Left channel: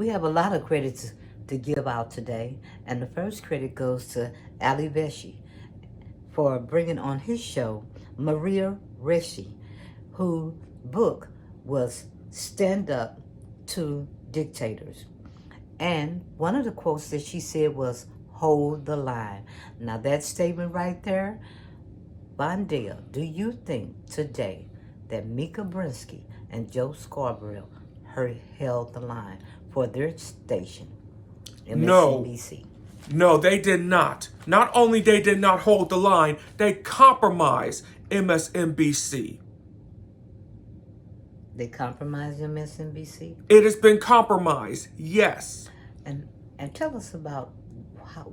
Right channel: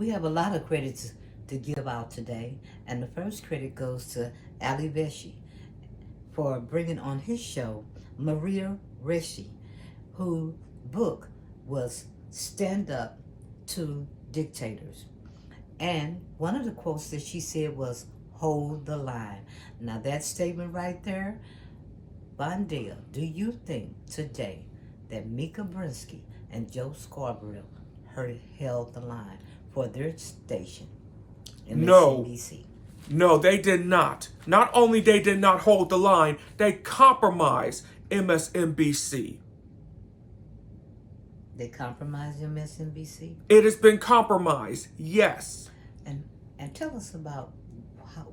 We have a lot of credits to give out today, and the first credit goes to Ali Veshi for bringing on his show Maria Reshi, whose book was Stand Up to Dictators. And one of the quotes that she said was, hold the line. Now that statement right there, Bondale, do you think today that Mika Brinsky and Joe Scarborough held the line for their station, No, MSNBC? no, they did not. Not only they did not hold the line, they compromised MSNBC. They compromised MSNBC? It has been compromised, yes. And tell us about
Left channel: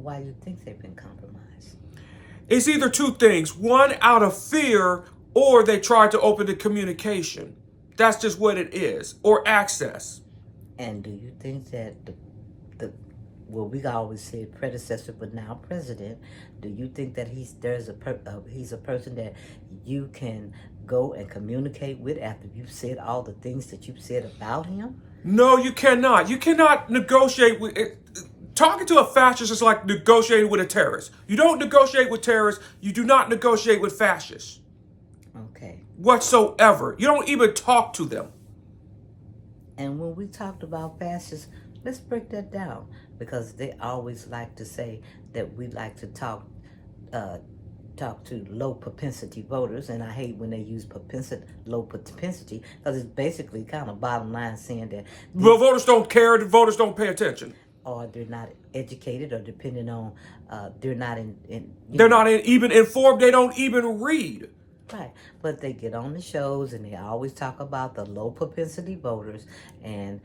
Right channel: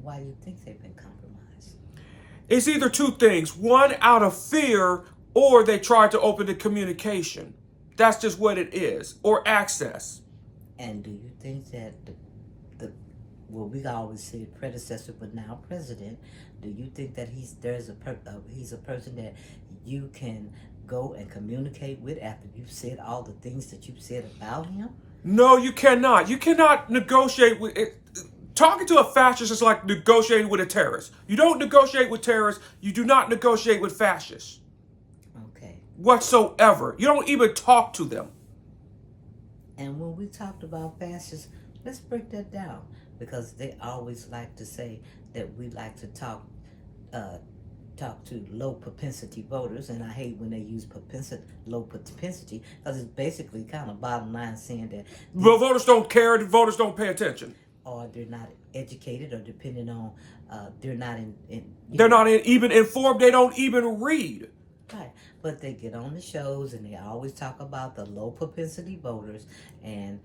why you think they've been compromised. It's either two things. One, out of fear, or they tried to open the communication. That's just what it is. Or access. And do you think that well, we always say predecessor, but now president, do you think that he's a person that you can go and communicate with after you've said all the things that you've said about him? No, you cannot. You cannot negotiate with it. Talking to a fascist is like negotiating with a terrorist. You don't negotiate with terrorists. You do not negotiate with fascists. Okay. Whatsoever. You don't even talk to them. And when we talked about fascists, let's break that down, because they always like to say that we like to talk to low propensity voters, and I hate when they use low propensity, because it's basically kind of bottom line saying that Well, voters don't care. The voters don't pay attention. or they're not educated, or depending on they're not They're not even informed. They don't even read. right. But they get on the shows and they always talk about the low propensity voters, and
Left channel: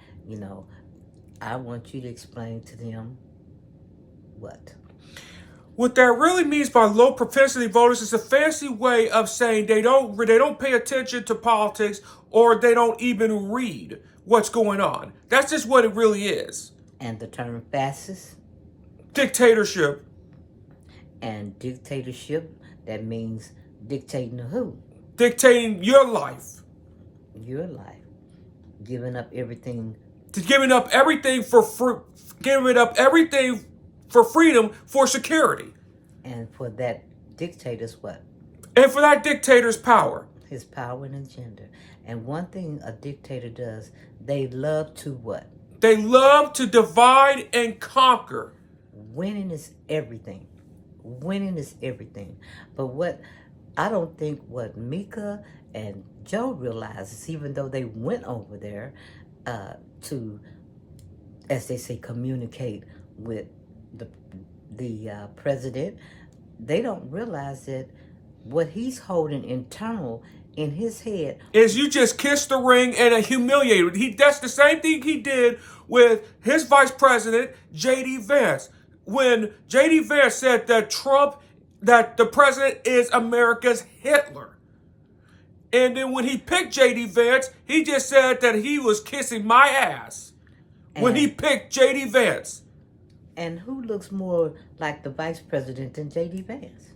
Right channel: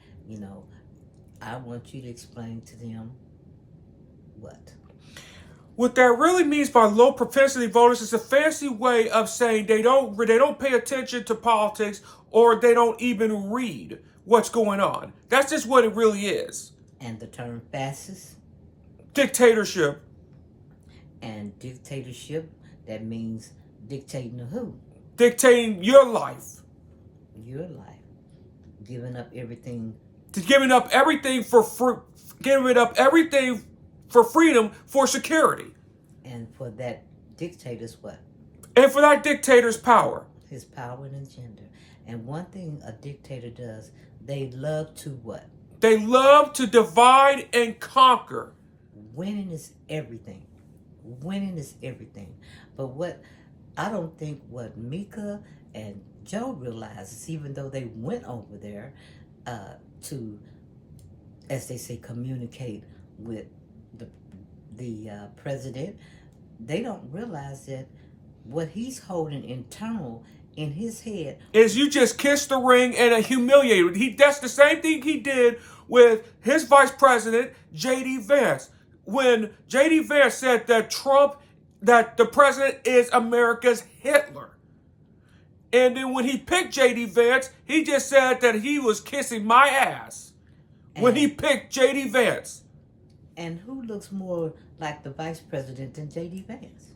I want you to explain to them what. What that really means by low propensity voters is a fancy way of saying they don't pay attention to politics, or they don't even read what's going on. That's just what it really is. And the term fascist Dictatorship. and dictatorship, that means dictating to who? Dictating your life. Your life. Giving up everything. Giving up everything for freedom, for security. And for that dictator's what? And for that dictator's power. His power and agenda. And one thing a dictator does, they love to what? They love to divide and conquer. Winning is everything. Winning is everything. But I don't think what Mika and Joe realizes, even though they went over there to, as they say, communicate with the president, they don't realize that what he's holding internal in his head is you just kiss the ring and humiliate him. That's the same thing he did with his vice president, J.D. Vance. When J.D. Vance said that that the president is America's Hitler. And then when he picked J.D. Vance, he just said that he was kissing my ass. When he picked J.D. Vance. And who looks more like the vice president than J.D. Vance?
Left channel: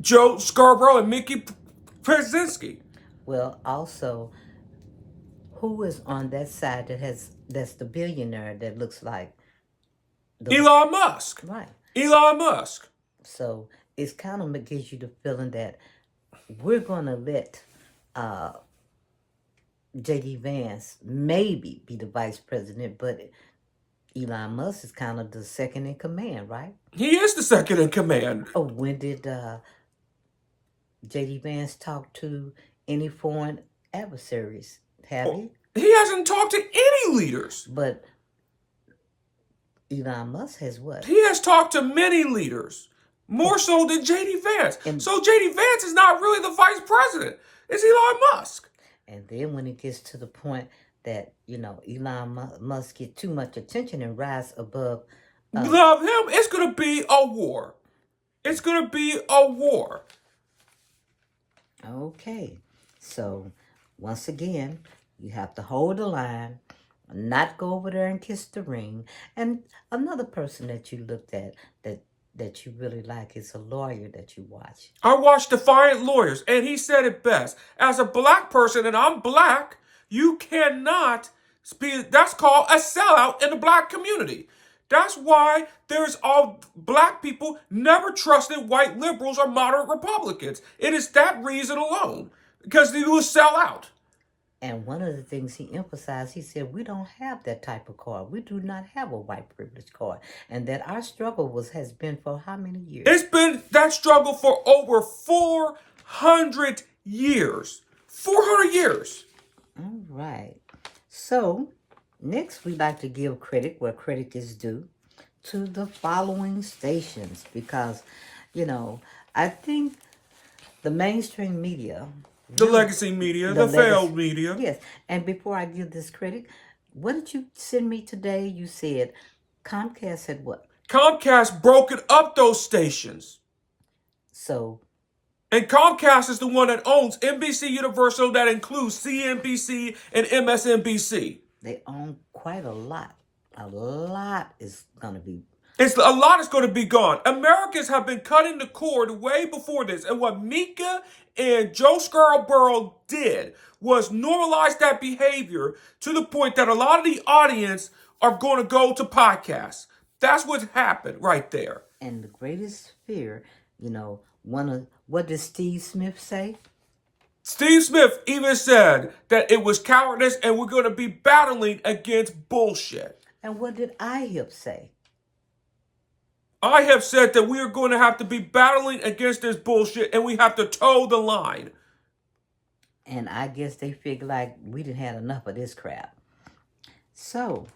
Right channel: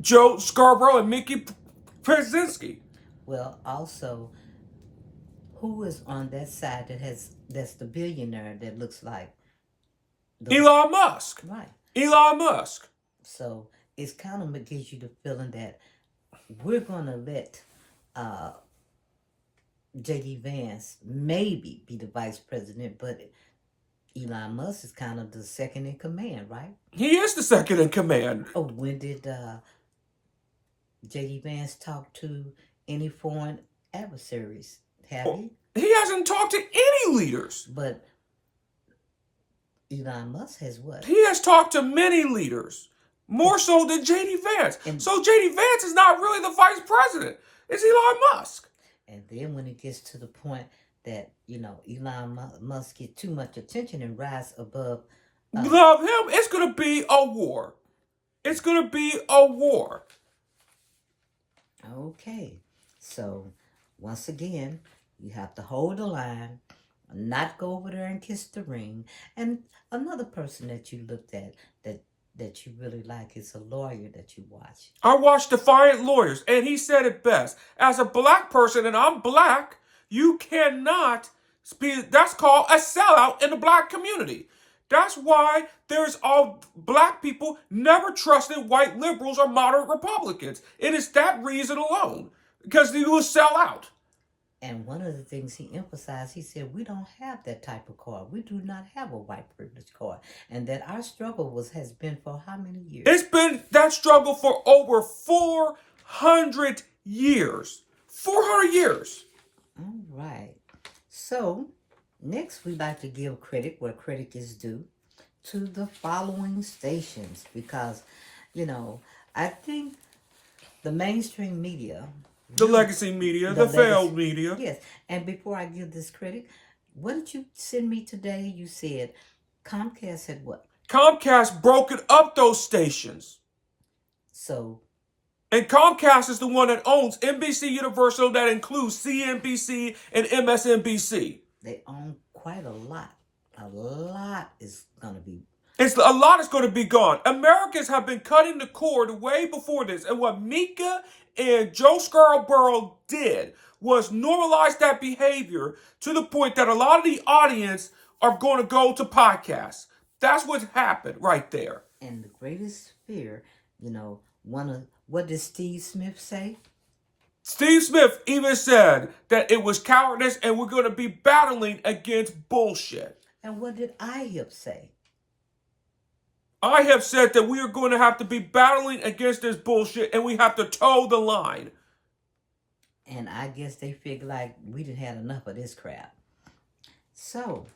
Joe Scarborough and Mika Brinsky. Well, also, who is on that side that's the billionaire that looks like Elon Musk. Right. Elon Musk. So it's kind of gives you the feeling that we're going to let J.D. Vance maybe be the vice president, but Elon Musk is kind of the second in command, right? He is the second in command. Oh, when did J.D. Vance talk to any foreign adversaries? Have he? He hasn't talked to any leaders. But Elon Musk has what? He has talked to many leaders. More so than J.D. Vance. So J.D. Vance is not really the vice president. It's Elon Musk. And then when it gets to the point that, Elon Musk get too much attention and rise above. Love him. It's going to be a war. It's going to be a war. Okay. So, once again, you have to hold the line, not go over there and kiss the ring. And another person that you looked at that you really like is a lawyer that you watch. I watched Defiant Lawyers, and he said it best. As a black person, and I'm black, you cannot That's called a sellout in the black community. That's why there's all black people never trusted white liberals or moderate Republicans. It is that reason alone, because they will sell out. And one of the things he emphasized, he said, we don't have that type of card. We do not have a white privilege card. And that our struggle has been for how many years? It's been that struggle for over 400 years. 400 years. All right. So, next we'd like to give credit where credit is due to the following stations. Because, I think the mainstream media... The legacy media, the failed media. Yes. And before I give this credit, what did you send me today? You said Comcast said what? Comcast broken up those stations. So. And Comcast is the one that owns NBC Universal, that includes CNBC and MSNBC. They own quite a lot. A lot is going to be. A lot is going to be gone. Americans have been cutting the cord way before this. And what Mika and Joe Scarborough did was normalize that behavior to the point that a lot of the audience are going to go to podcasts. That's what's happened right there. And the greatest fear, what did Steve Smith say? Steve Smith even said that it was cowardice and we're going to be battling against bullshit. And what did IHIP say? I have said that we are going to have to be battling against this bullshit and we have to toe the line. And I guess they figured like we didn't have enough of this crap. So,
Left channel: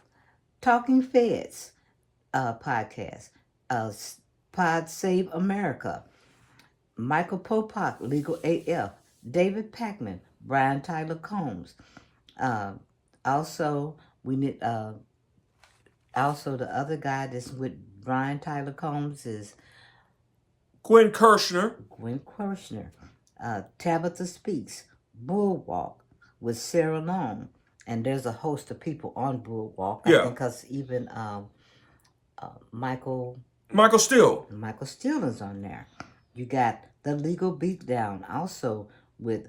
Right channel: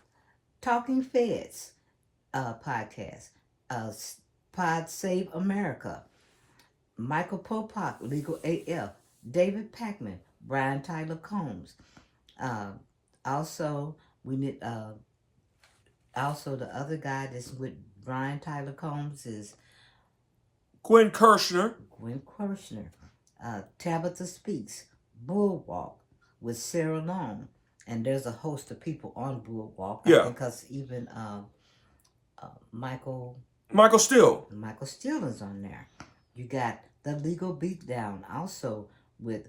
Talking Feds podcast, Pod Save America, Michael Popak, Legal AF, David Pakman, Brian Tyler Combs. Also, we need also the other guy that's with Brian Tyler Combs is Gwen Kirshner. Tabitha Speaks, Bulwark with Sarah Long. And there's a host of people on Bulwark. Yeah. Because even Michael Steele is on there. You got The Legal Beatdown also with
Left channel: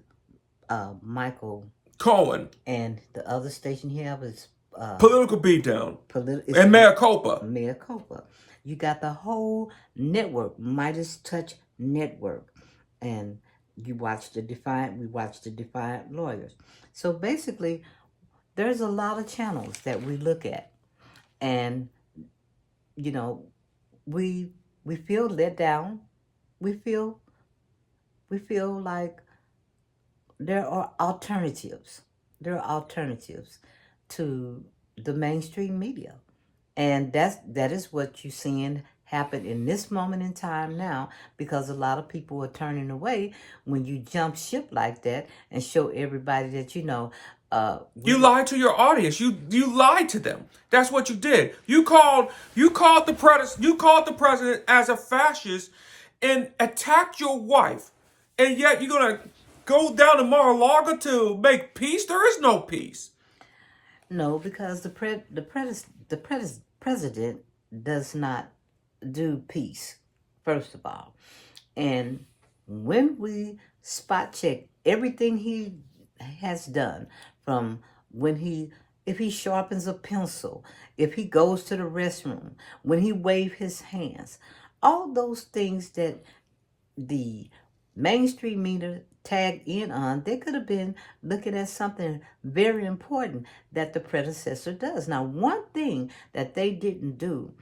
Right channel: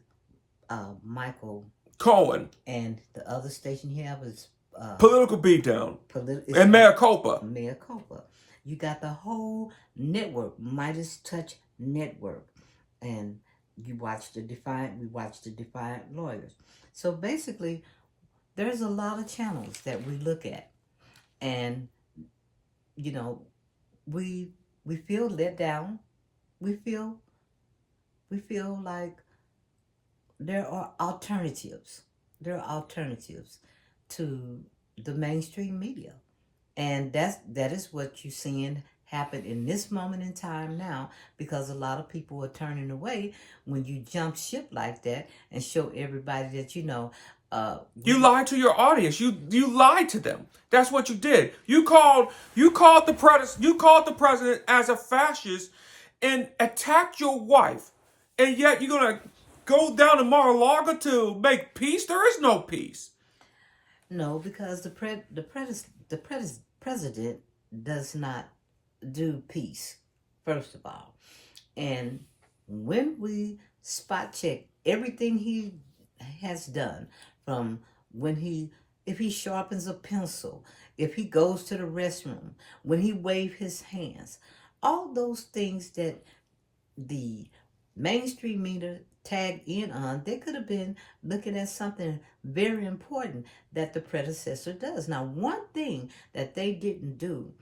Michael Cohen. And the other station you have is Political Beatdown. And Mea Culpa. You got the whole network, Midas Touch Network. And we watched the Defiant Lawyers. So basically, there's a lot of channels that we look at. And, we feel let down. We feel like there are alternatives. There are alternatives to the mainstream media. And that is what you're seeing happen in this moment in time now, because a lot of people are turning away when you jump ship like that and show everybody that you lied to your audience. You lied to them. That's what you did. You called the president as a fascist and attacked your wife, and yet you're gonna go down to Mar-a-Lago to make peace. There is no peace. No, because the president does not do peace, first of all. And when we spot check everything he has done, from if he sharpens a pencil, if he goes to the restroom, when he waves his hands, all those things that the mainstream media tagged in on, they could have been looking at something very important that the predecessor does. Now, one thing that they didn't do,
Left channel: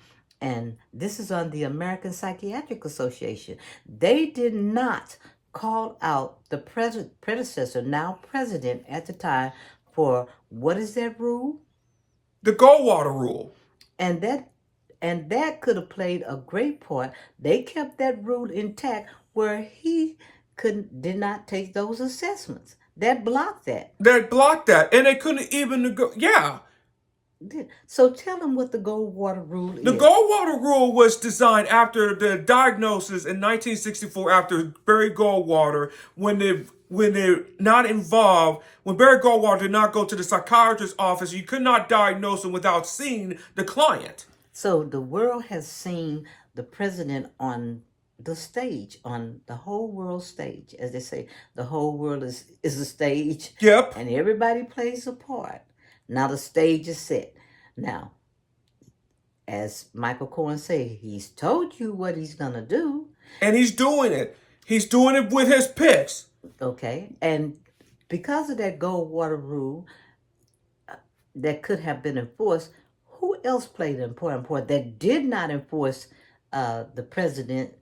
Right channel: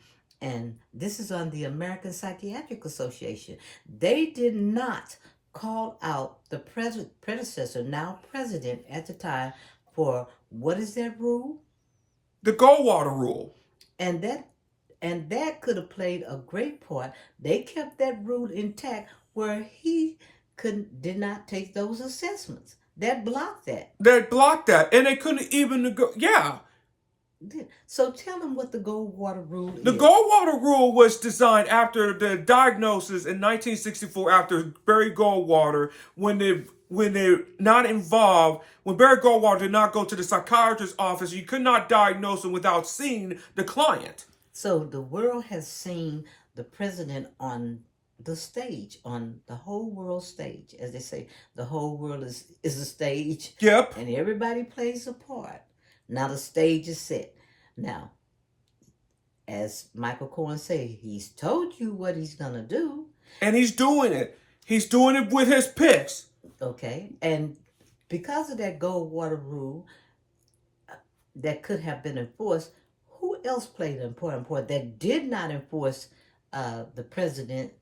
and this is on the American Psychiatric Association, they did not call out the predecessor, now president at the time, for what is that rule? The Goldwater rule. And that could have played a great part. They kept that rule intact where he did not take those assessments. That blocked that. And they couldn't even yeah. So tell them what the Goldwater rule is. The Goldwater rule was designed after the diagnosis in 1964 after Barry Goldwater, when they're not involved, when Barry Goldwater did not go to the psychiatrist's office, you could not diagnose him without seeing the client. So the world has seen the president on the stage, on the whole world stage. As they say, the whole world is a stage. Yep. And everybody plays a part. Now the stage is set. Now, as Michael Cohen said, he's told you what he's gonna do. And he's doing it. He's doing it with his picks. Okay, and because of that Goldwater rule that could have been enforced, who else played an important part that did not enforce the president,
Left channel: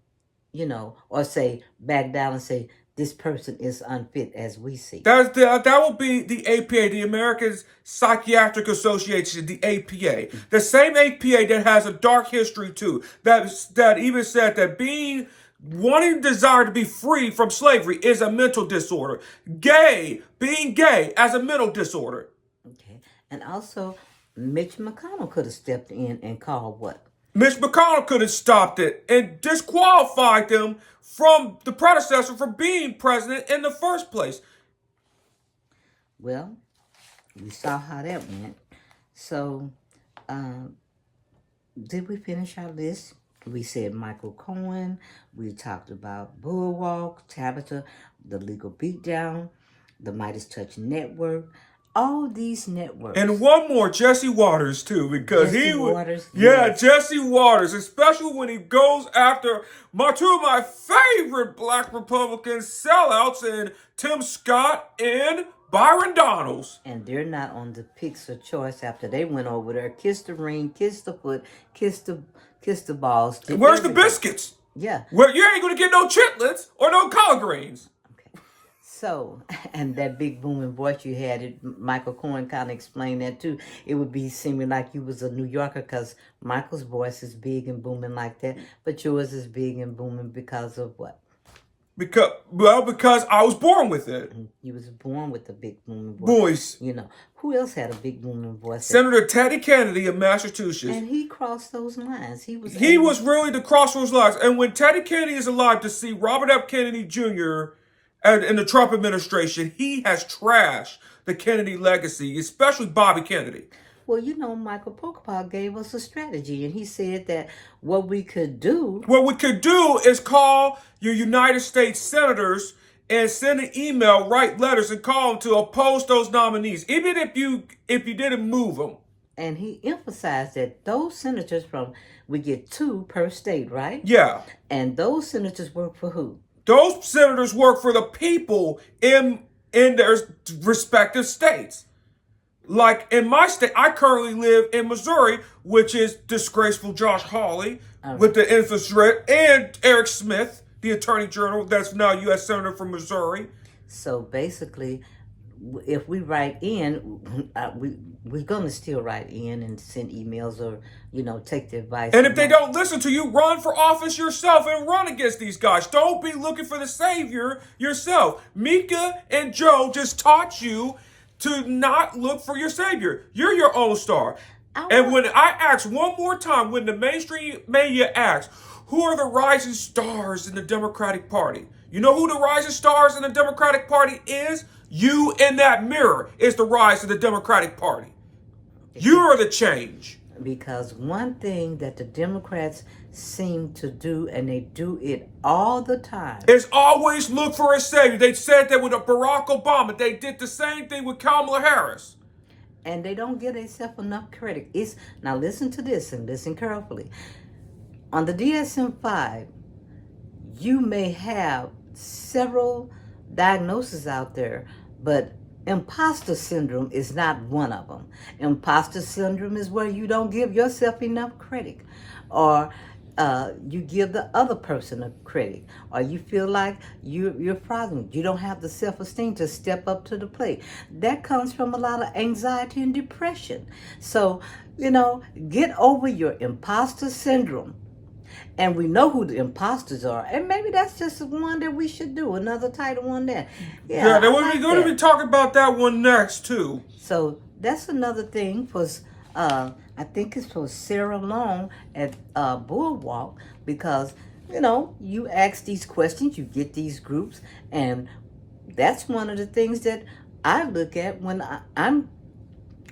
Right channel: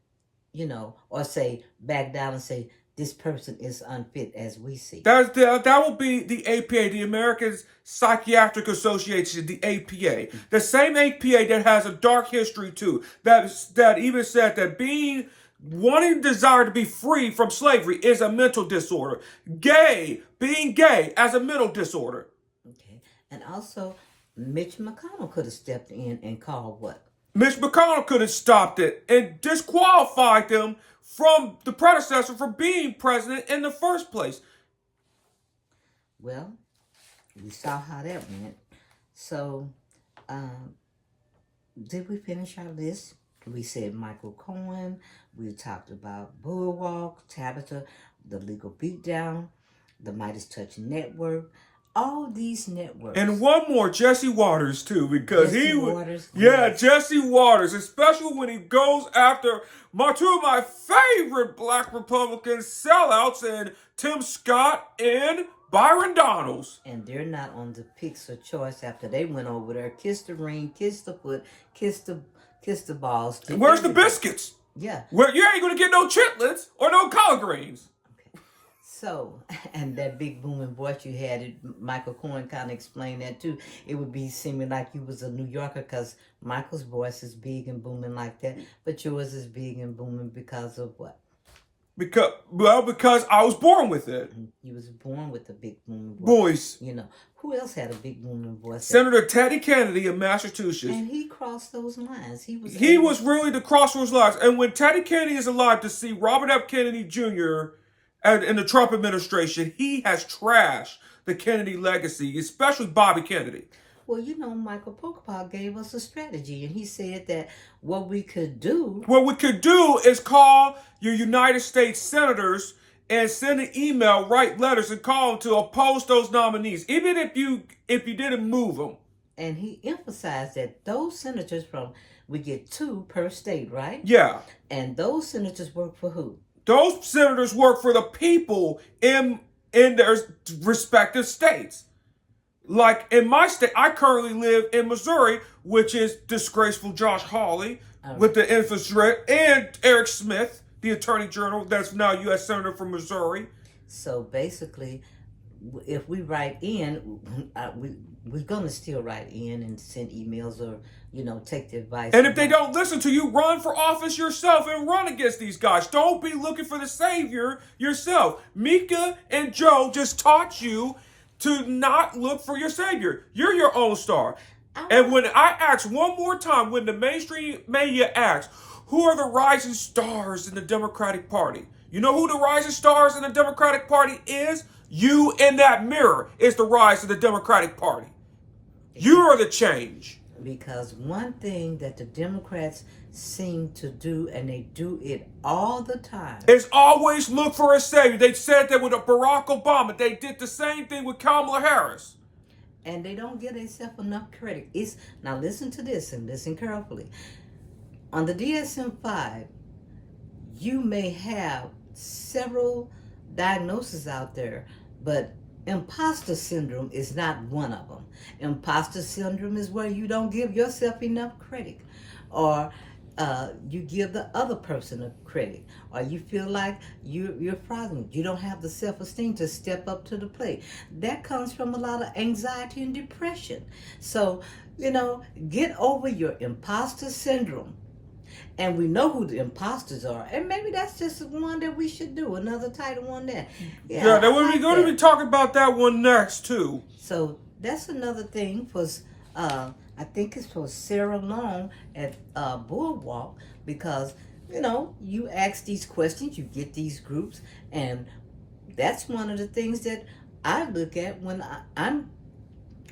or say back down and say this person is unfit as we see? That will be the APA, the American Psychiatric Association, the APA. The same APA that has a dark history too. That even said that wanting desire to be free from slavery is a mental disorder. Being gay as a mental disorder. Okay. And also, Mitch McConnell could have stepped in and called what? Mitch McConnell could have stopped it and disqualified them from the predecessor for being president in the first place. Well, we saw how that went. So, did we finish our list? We said Michael Cohen. We talked about Bulwark, Tabitha, the Legal Beatdown, the Midas Touch Network. All these networks. And one more, Jesse Waters too, because Jesse Waters, especially when he goes after two of my favorite black Republican sellouts, and Tim Scott and Byron Donalds. And they're not on the picks of choice after they went over there, kissed the ring, kissed the foot, kissed the balls. Where's the biscuits? Yeah. Well, you ain't gonna get no chitlins or no collard greens. So, and that big booming voice you had, Michael Cohen kind of explained that too. It would be seeming like you was a New Yorker because Michael's voice is big and booming like that, but yours is big and booming because of what? Because I was born with it. You was born with a big booming voice. Who else had a big booming voice? Senator Teddy Kennedy of Massachusetts. And he crossed those lines. He was really the cross those lines. And when Teddy Kennedy is alive, to see Robert F. Kennedy Jr. and in the Trump administration, he has trashed the Kennedy legacy, especially Bobby Kennedy. Well, Michael Pokopov gave us a strategy, and he said that what we could do is call your United States senators and send an email, write letters, and call them to oppose those nominees, even if you didn't move them. And he emphasized that those senators we get 2 per state, right? Yeah. And those senators work for who? Those senators work for the people in their respective states. Like in my state, I currently live in Missouri, which is disgraceful Josh Hawley with the infiltrate, and Eric Smith, the Attorney General, that's now U.S. Senator from Missouri. So basically, if we write in, we're going to still write in and send emails or, take the advice. And if they don't listen to you, run for office yourself and run against these guys. Don't be looking for the savior yourself. Mika and Joe just taught you to not look for your savior. You're your own star. And when I ask one more time, when the mainstream media asks, who are the rising stars in the Democratic Party? You know who the rising stars in the Democratic Party is? You in that mirror is the rise of the Democratic Party. You are the change. Because one thing that the Democrats seem to do, and they do it all the time, is always look for a savior. They said that with Barack Obama. They did the same thing with Kamala Harris. And they don't give themselves enough credit. Now listen to this and listen carefully. On the DSM-5, you may have several diagnoses out there, but imposter syndrome is not one of them. Imposter syndrome is where you don't give yourself enough credit, or you give the other person a credit, or you feel like you're fraudulent. You don't have the self-esteem to step up to the plate. That comes from a lot of anxiety and depression. So, get over your imposter syndrome. And we know who the imposters are. And maybe that's just the one that we should do. Another title on that. Yeah, we're going to be talking about that one next, too. So that's another thing for, I think it's for Sarah Long at Bulwark. Because, you ask these questions, you get these groups. And that's one of the things that I look at when I'm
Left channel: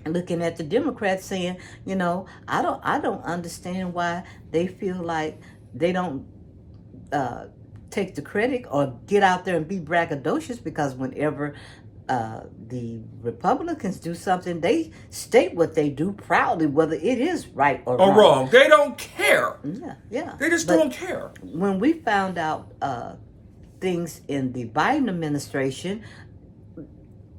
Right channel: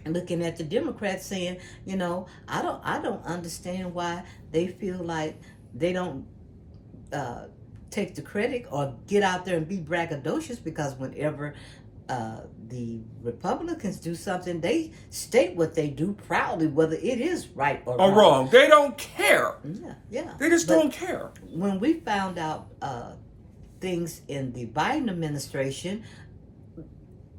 looking at the Democrats saying, I don't understand why they feel like they don't take the credit or get out there and be braggadocious, because whenever the Republicans do something, they state what they do proudly, whether it is right or wrong. They don't care. Yeah. They just don't care. When we found out things in the Biden administration,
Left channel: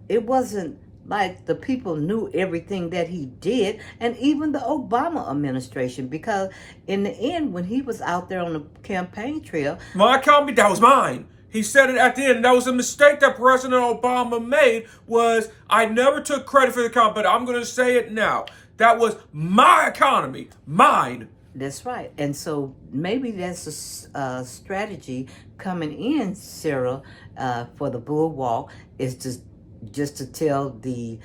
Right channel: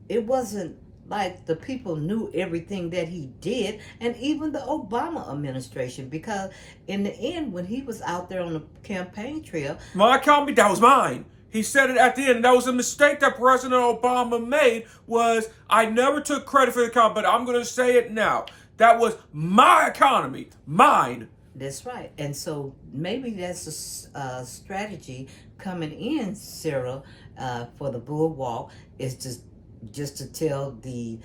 it wasn't like the people knew everything that he did, and even the Obama administration, because in the end, when he was out there on the campaign trail, my economy, that was mine. He said it at the end, and that was a mistake that President Obama made, was I never took credit for the economy, but I'm going to say it now. That was my economy, mine. That's right. And so maybe that's a strategy coming in, Cyril, for the Bulwark, is just to tell the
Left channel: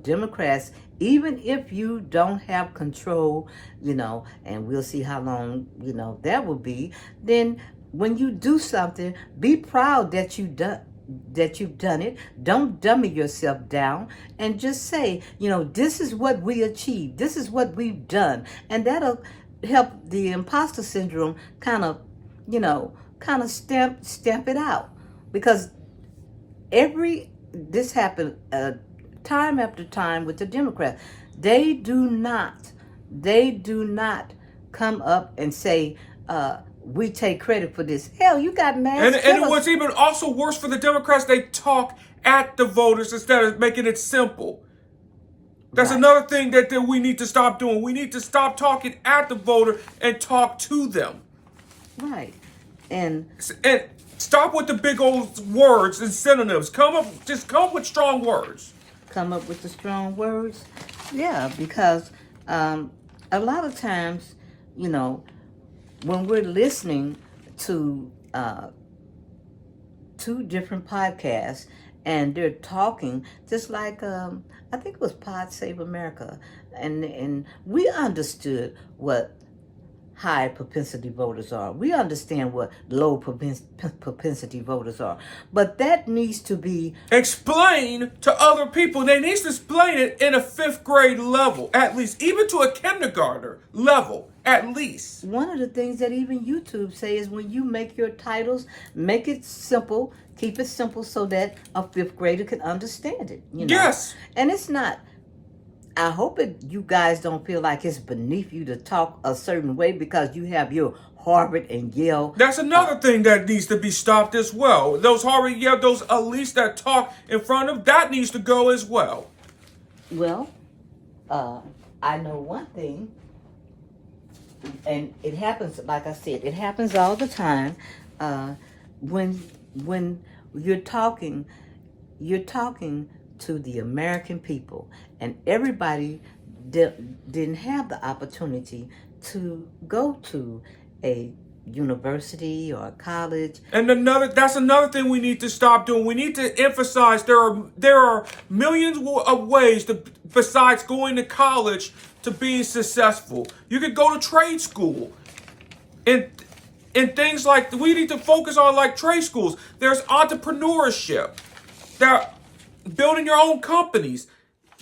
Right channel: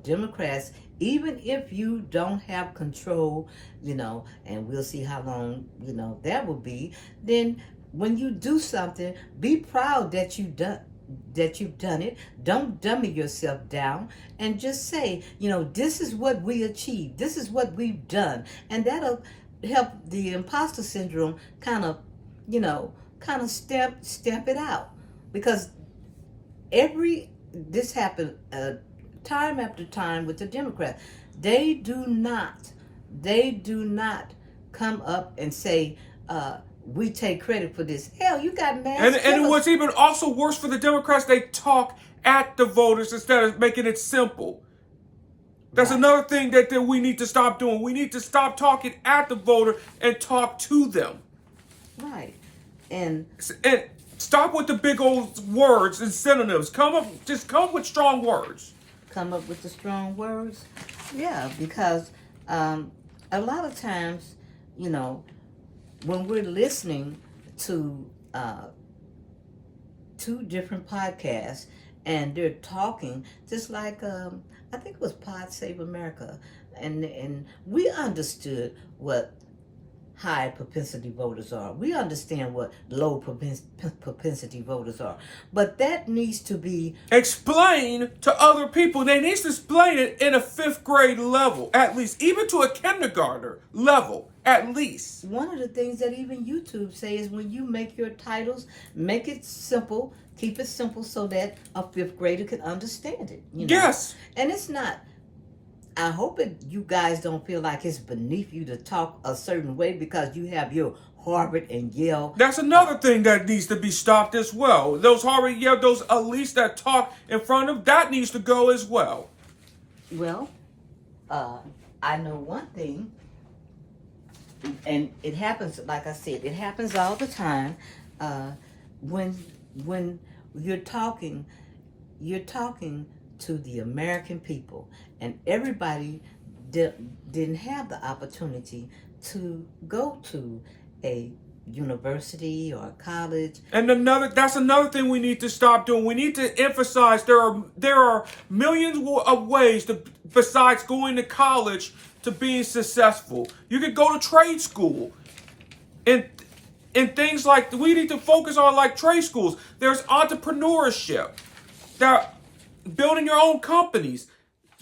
Democrats, even if you don't have control, and we'll see how long, that will be, then when you do something, be proud that you've done it. Don't dummy yourself down, and just say, this is what we achieved. This is what we've done. And that'll help the imposter syndrome kind of stamp it out. Because this happened time after time with the Democrats. They do not come up and say, we take credit for this. Hell, you got mad. And it was even also worse for the Democrats. They talk at the voters instead of making it simple. That's right. Another thing that we need to stop doing. We need to stop talking at the voter and talk to them. Right. And stop with the big old words and synonyms. Come up with strong words. Come up with the strong words. Yeah, because a lot of times, when we're listening to two different podcasts and they're talking, just like I think it was Pod Save America, and we understood what high propensity voters are. We understand what low propensity voters are. But that needs to be explained to other people. They need to explain it in a 5th grade level, at least, even to a kindergartner level, at least. One of the things that even YouTube say is when you make your titles, make it simple, keep it simple so that a 5th grader can understand it. Yes. And it's not, I hope you guys don't feel like it's beneath you to talk a certain way because you have your Harvard and Yale. That's another thing that needs to be stopped as well. Those Harvard, Yale, those elites that talk in front of, that needs to go as well. Well, I know one thing, and it happens, like I said, it happens all the time. When you're talking to the American people, and everybody didn't have the opportunity to go to a university or a college. And that's another thing we need to stop doing. We need to emphasize there are millions of ways besides going to college to being successful. You could go to trade school, and things like we need to focus on, like trade schools. There's entrepreneurship. There, building your own companies.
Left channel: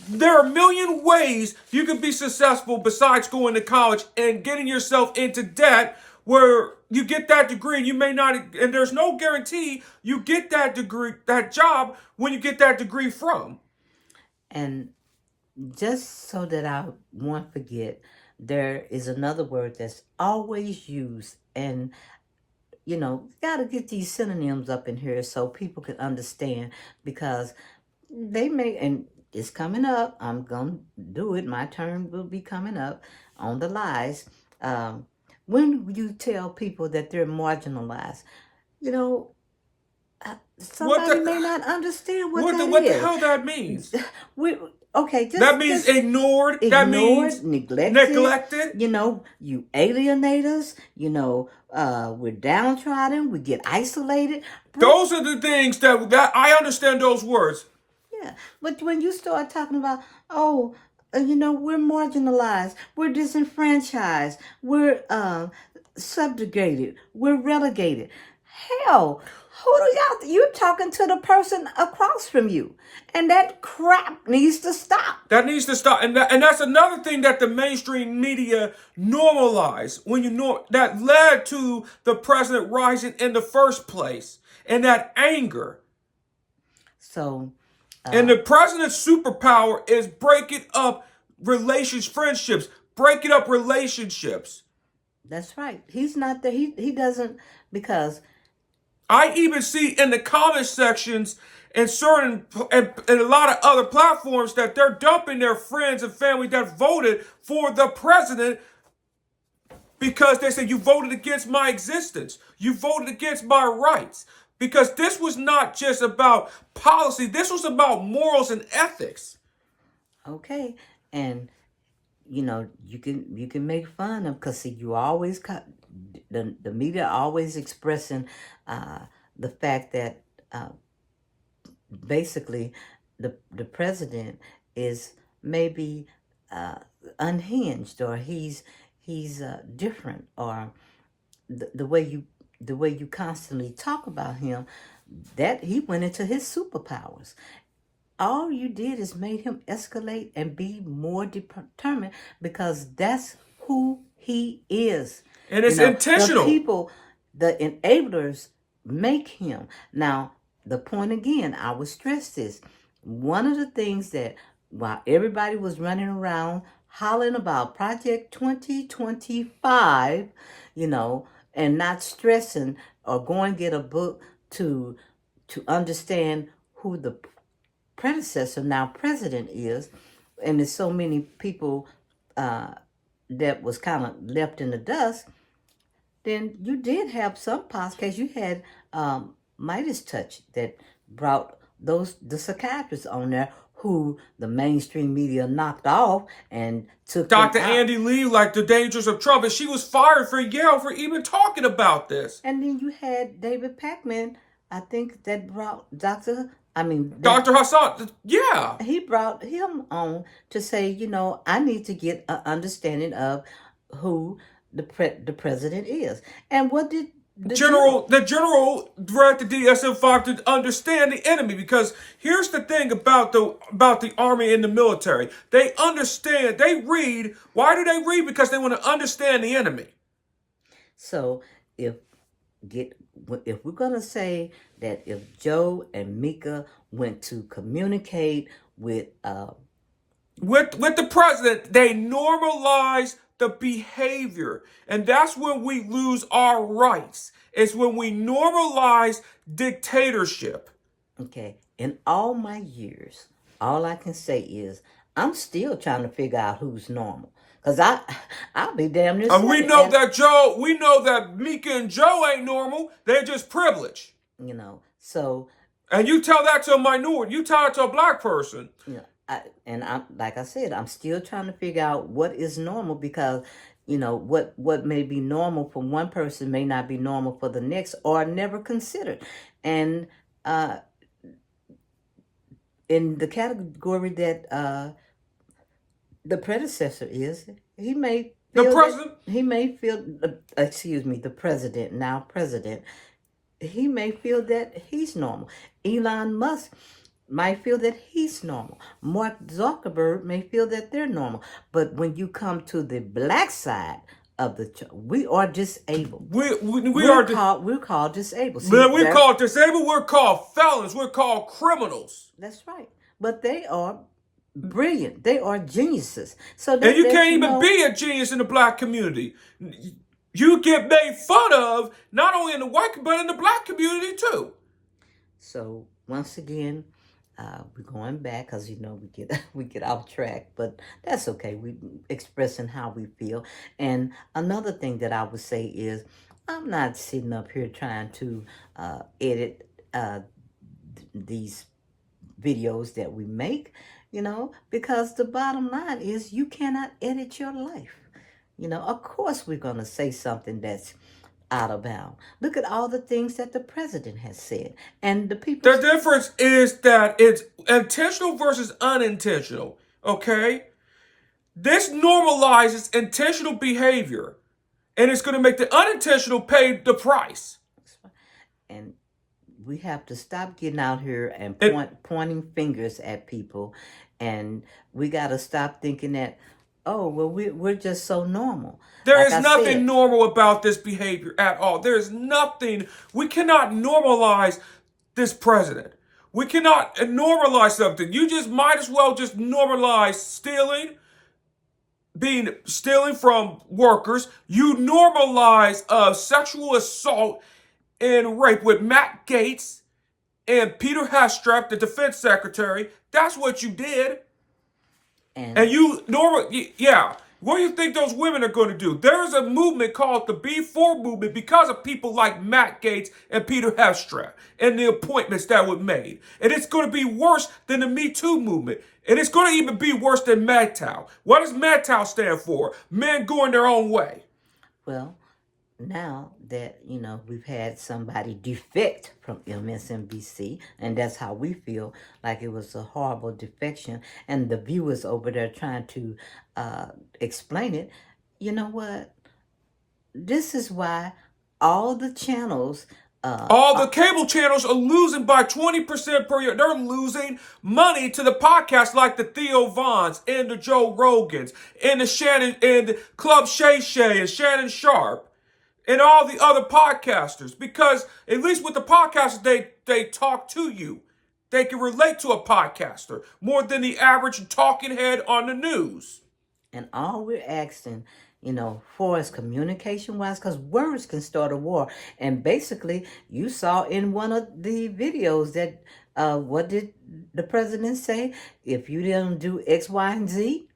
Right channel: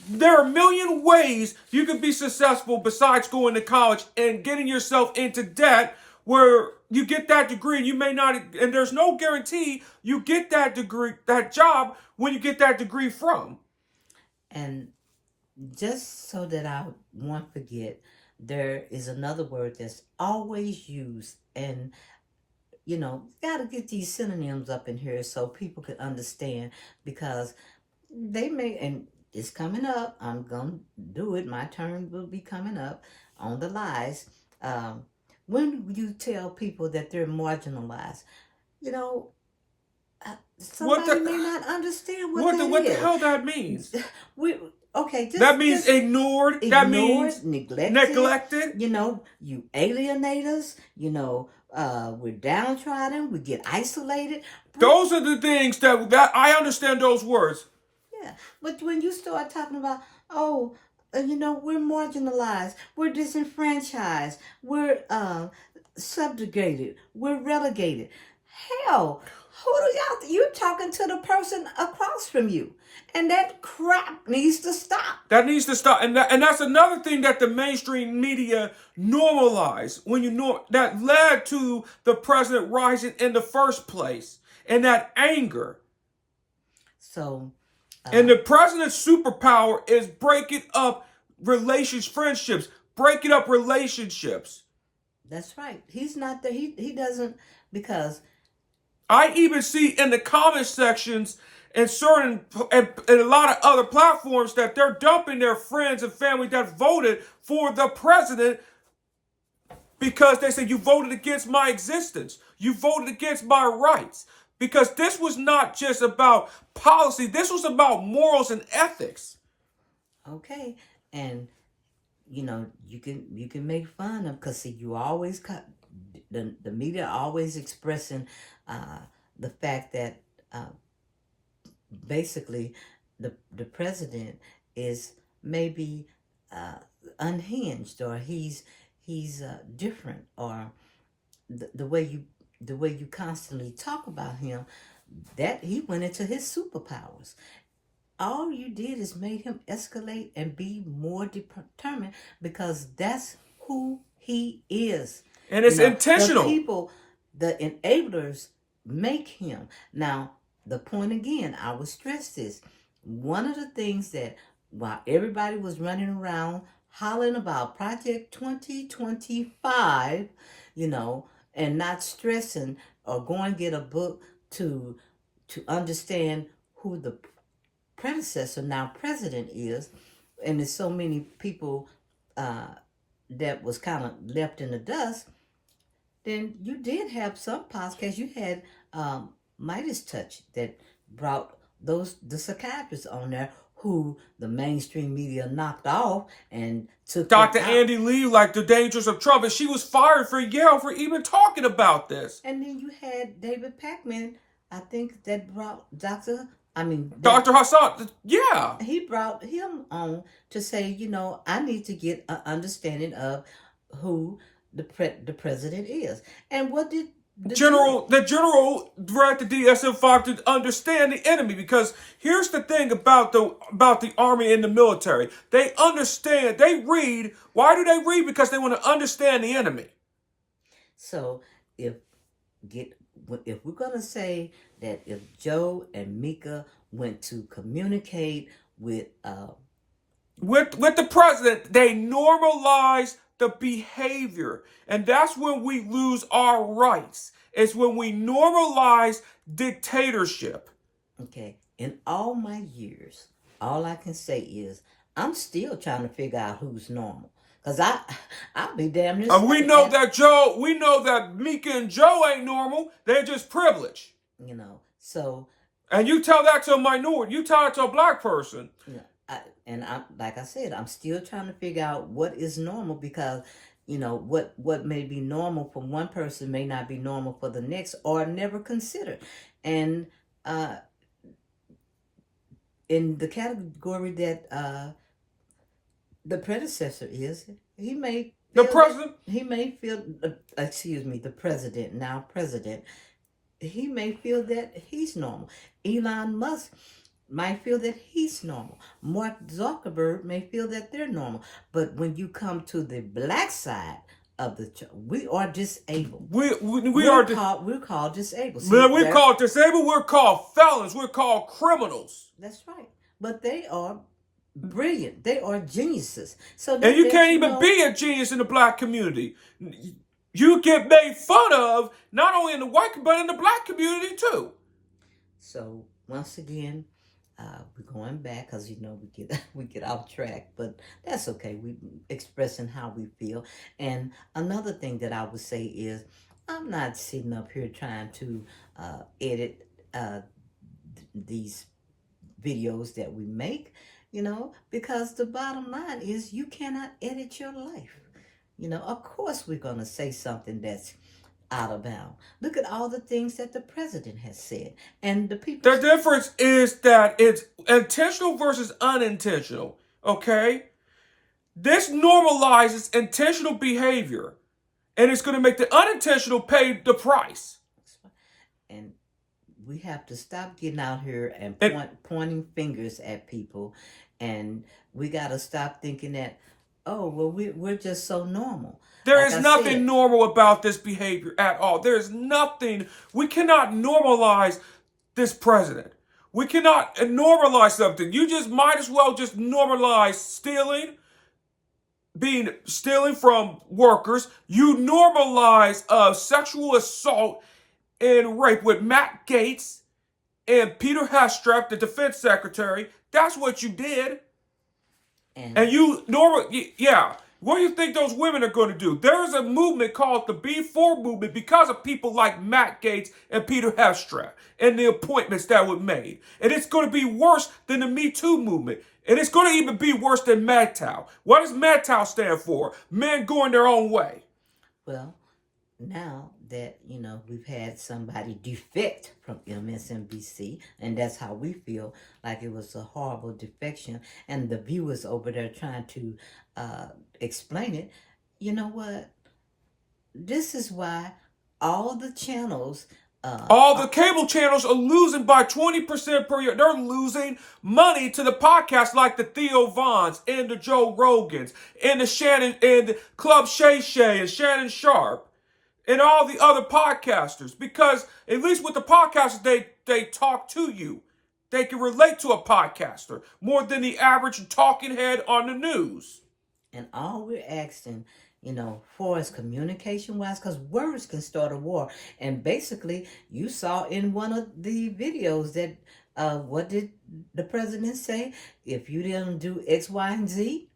There are a million ways you can be successful besides going to college and getting yourself into debt where you get that degree and you may not, and there's no guarantee you get that degree, that job when you get that degree from. And just so that I won't forget, there is another word that's always used, and got to get these synonyms up in here so people can understand, because they may, and it's coming up, I'm going to do it, my turn will be coming up on the lies. When you tell people that they're marginalized, somebody may not understand what the hell that means. That means ignored. That means neglected. You alienate us. We're downtrodden. We get isolated. Those are the things that I understand those words. Yeah, but when you start talking about, we're marginalized, we're disenfranchised, we're subjugated, we're relegated. Hell, you're talking to the person across from you. And that crap needs to stop. That needs to stop. And that's another thing that the mainstream media normalized that led to the president rising in the first place, and that anger. So And the president's superpower is breaking up friendships, breaking up relationships. That's right. He's not there. He doesn't, because I even see in the comment sections and a lot of other platforms that they're dumping their friends and family that voted for the president because they say you voted against my existence. You voted against my rights. Because this was not just about policy. This was about morals and ethics. okay, and you know, you can make fun of, because see, you always the media always expressing the fact that basically the president is maybe unhinged, or he's different, or the way you constantly talk about him, that he went into his superpowers. All you did is made him escalate and be more determined, because that's who he is. And it's intentional. The people, the enablers, make him. Now, the point again, I would stress this. One of the things that, while everybody was running around hollering about Project 2025, and not stressing or going get a book to understand who the predecessor, now president, is, and there's so many people that was kind of left in the dust, then you did have some podcasts. You had Midas Touch that brought the psychiatrists on there, who the mainstream media knocked off and took Dr. Andy Lee, like The Dangers of Trump, and she was fired for Yale for even talking about this. And then you had David Pakman, I think, that brought Dr. Hassan, yeah. He brought him on to say, I need to get an understanding of who the president is. And what did the general read the DSM-5 to understand the enemy? Because here's the thing about the army and the military. They understand, they read. Why do they read? Because they want to understand the enemy. So if we're going to say that if Joe and Mika went to communicate with the president, they normalize the behavior. And that's when we lose our rights. It's when we normalize dictatorship. Okay. In all my years, all I can say is I'm still trying to figure out who's normal. Because I'll be damn near. We know that Mika and Joe ain't normal. They're just privileged. So. And you tell that to a minority. You tell it to a black person. Like I said, I'm still trying to figure out what is normal, because, what may be normal for one person may not be normal for the next, or never considered. And in the category that the predecessor is, he may feel the president. He may feel, the president, now president, he may feel that he's normal. Elon Musk might feel that he's normal. Mark Zuckerberg may feel that they're normal. But when you come to the black side of we are disabled. We're called disabled. See, we're called disabled. We're called felons. We're called criminals. That's right. But they are brilliant. They are geniuses. And you can't even be a genius in the black community. You get made fun of not only in the white, but in the black community too. So once again, we're going back, because we get off track, but that's okay. We expressing how we feel. And another thing that I would say is, I'm not sitting up here trying to edit these videos that we make, because the bottom line is you cannot edit your life. Of course we're going to say something that's out of bounds. Look at all the things that the president has said. And the people... The difference is that it's intentional versus unintentional, okay? This normalizes intentional behavior, and it's going to make the unintentional pay the price. And we have to stop getting out here and pointing fingers at people, and we got to stop thinking that, we're just so normal. There is nothing normal about this behavior at all. There is nothing. We cannot normalize this president. We cannot normalize something. You just might as well just normalize stealing, stealing from workers. You normalize sexual assault and rape with Matt Gaetz and Peter Hestrep, the defense secretary. That's what you did. And you yeah. What do you think those women are going to do? There's a movement called the B4 movement because of people like Matt Gaetz and Peter Hestrep and the appointments that were made. And it's going to be worse than the Me Too movement. And it's going to even be worse than MGTOW. What does MGTOW stand for? Men going their own way. Well, now that, we've had somebody defect from MSNBC, and that's how we feel, like it was a horrible defection, and the viewers over there trying to explain it, you know what? This is why all the channels... all the cable channels are losing by 20% per year. They're losing money to the podcast like the Theo Vons and the Joe Rogans and the Shannon and Club Shay Shay and Shannon Sharp and all the other podcasters, because at least with the podcasters, they talk to you. They can relate to a podcaster more than the average talking head on the news. And all we're asking, for is communication-wise, because words can start a war. And basically, you saw in one of the videos that, what did the president say? If you didn't do X, Y, and Z,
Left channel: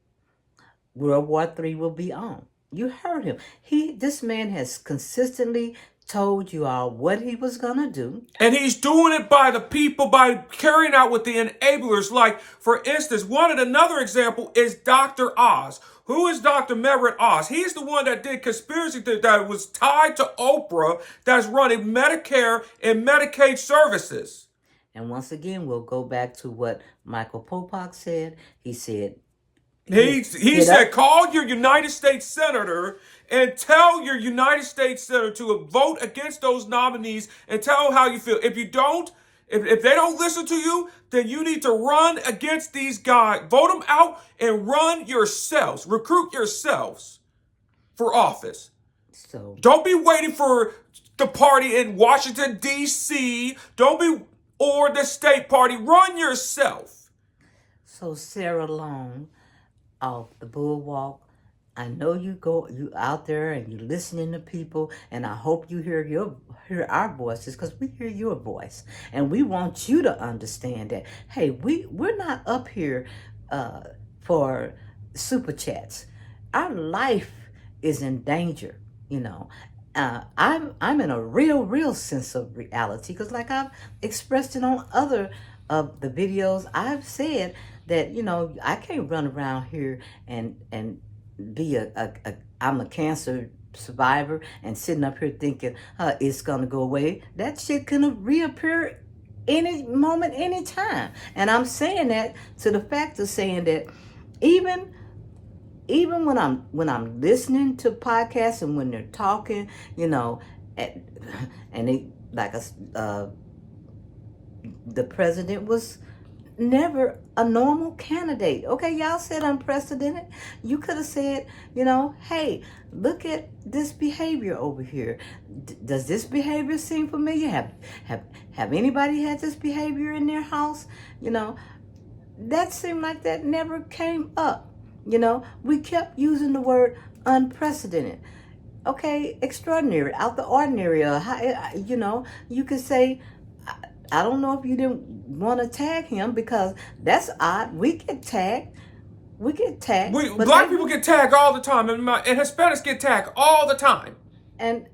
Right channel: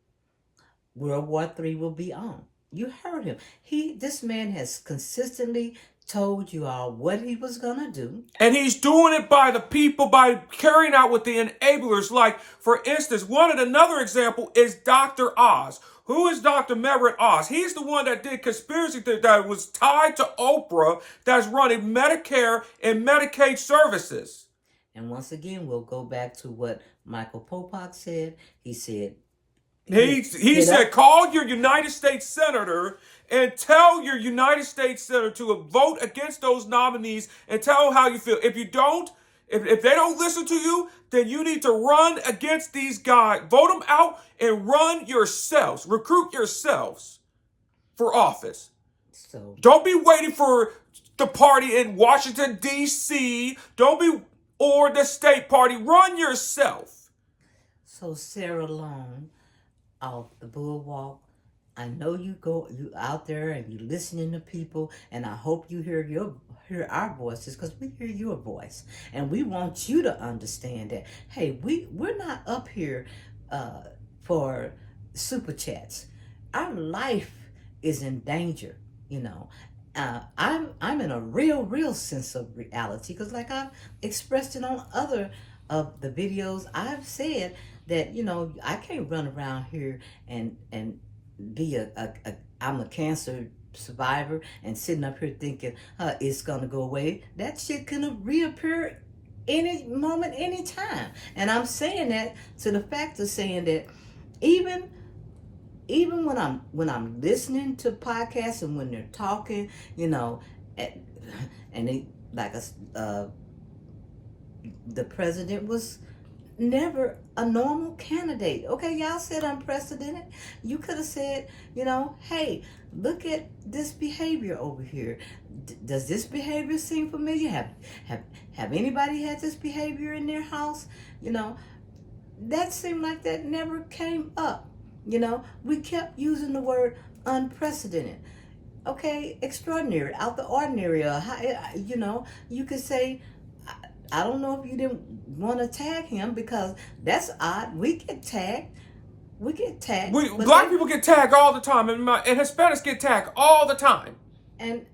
World War III will be on. You heard him. This man has consistently told you all what he was going to do. And he's doing it by the people, by carrying out with the enablers. Like, for instance, another example is Dr. Oz. Who is Dr. Merritt Oz? He's the one that did conspiracy that was tied to Oprah, that's running Medicare and Medicaid services. And once again, we'll go back to what Michael Popak said. He said, He said, call your United States Senator and tell your United States Senator to vote against those nominees and tell them how you feel. If you don't, if they don't listen to you, then you need to run against these guys. Vote them out and run yourselves. Recruit yourselves for office. So don't be waiting for the party in Washington, D.C. Or the state party. Run yourself. So Sarah Long, off the Bulwark, I know you out there and you listening to people, and I hope you hear our voices, because we hear your voice, and we want you to understand that, hey, we're not up here for super chats. Our life is in danger, I'm in a real sense of reality, because like I've expressed it on other of the videos, I've said that, I can't run around here and be I'm a cancer survivor and sitting up here thinking it's gonna go away. That shit can reappear any moment, any time. And I'm saying that to the fact of saying that even when I'm listening to podcasts and when they're talking, and they the president was never a normal candidate. Okay, y'all said unprecedented. You could have said, hey, look at this behavior over here. Does this behavior seem familiar? Have anybody had this behavior in their house? That seemed like that never came up. We kept using the word unprecedented. Okay, extraordinary, out the ordinary. You could say, I don't know if you didn't want to tag him, because that's odd. We get tagged. Black people get tagged all the time, and Hispanics get tagged all the time. And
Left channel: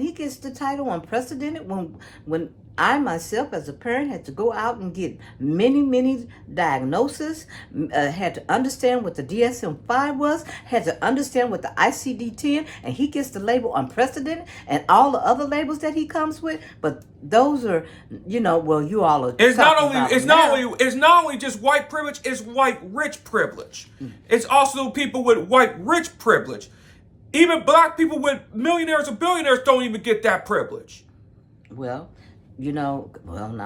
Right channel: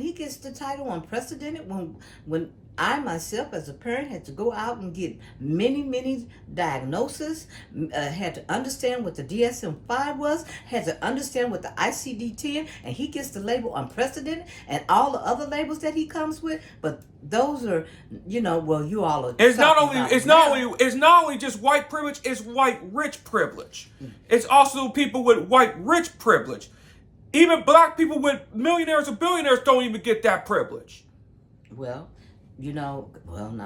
he gets the title unprecedented when I myself as a parent had to go out and get many diagnoses, had to understand what the DSM-5 was, had to understand what the ICD-10, and he gets the label unprecedented and all the other labels that he comes with. But those are, well, you all are. It's not only just white privilege. It's white rich privilege. It's also people with white rich privilege. Even black people with millionaires or billionaires don't even get that privilege. Well, now,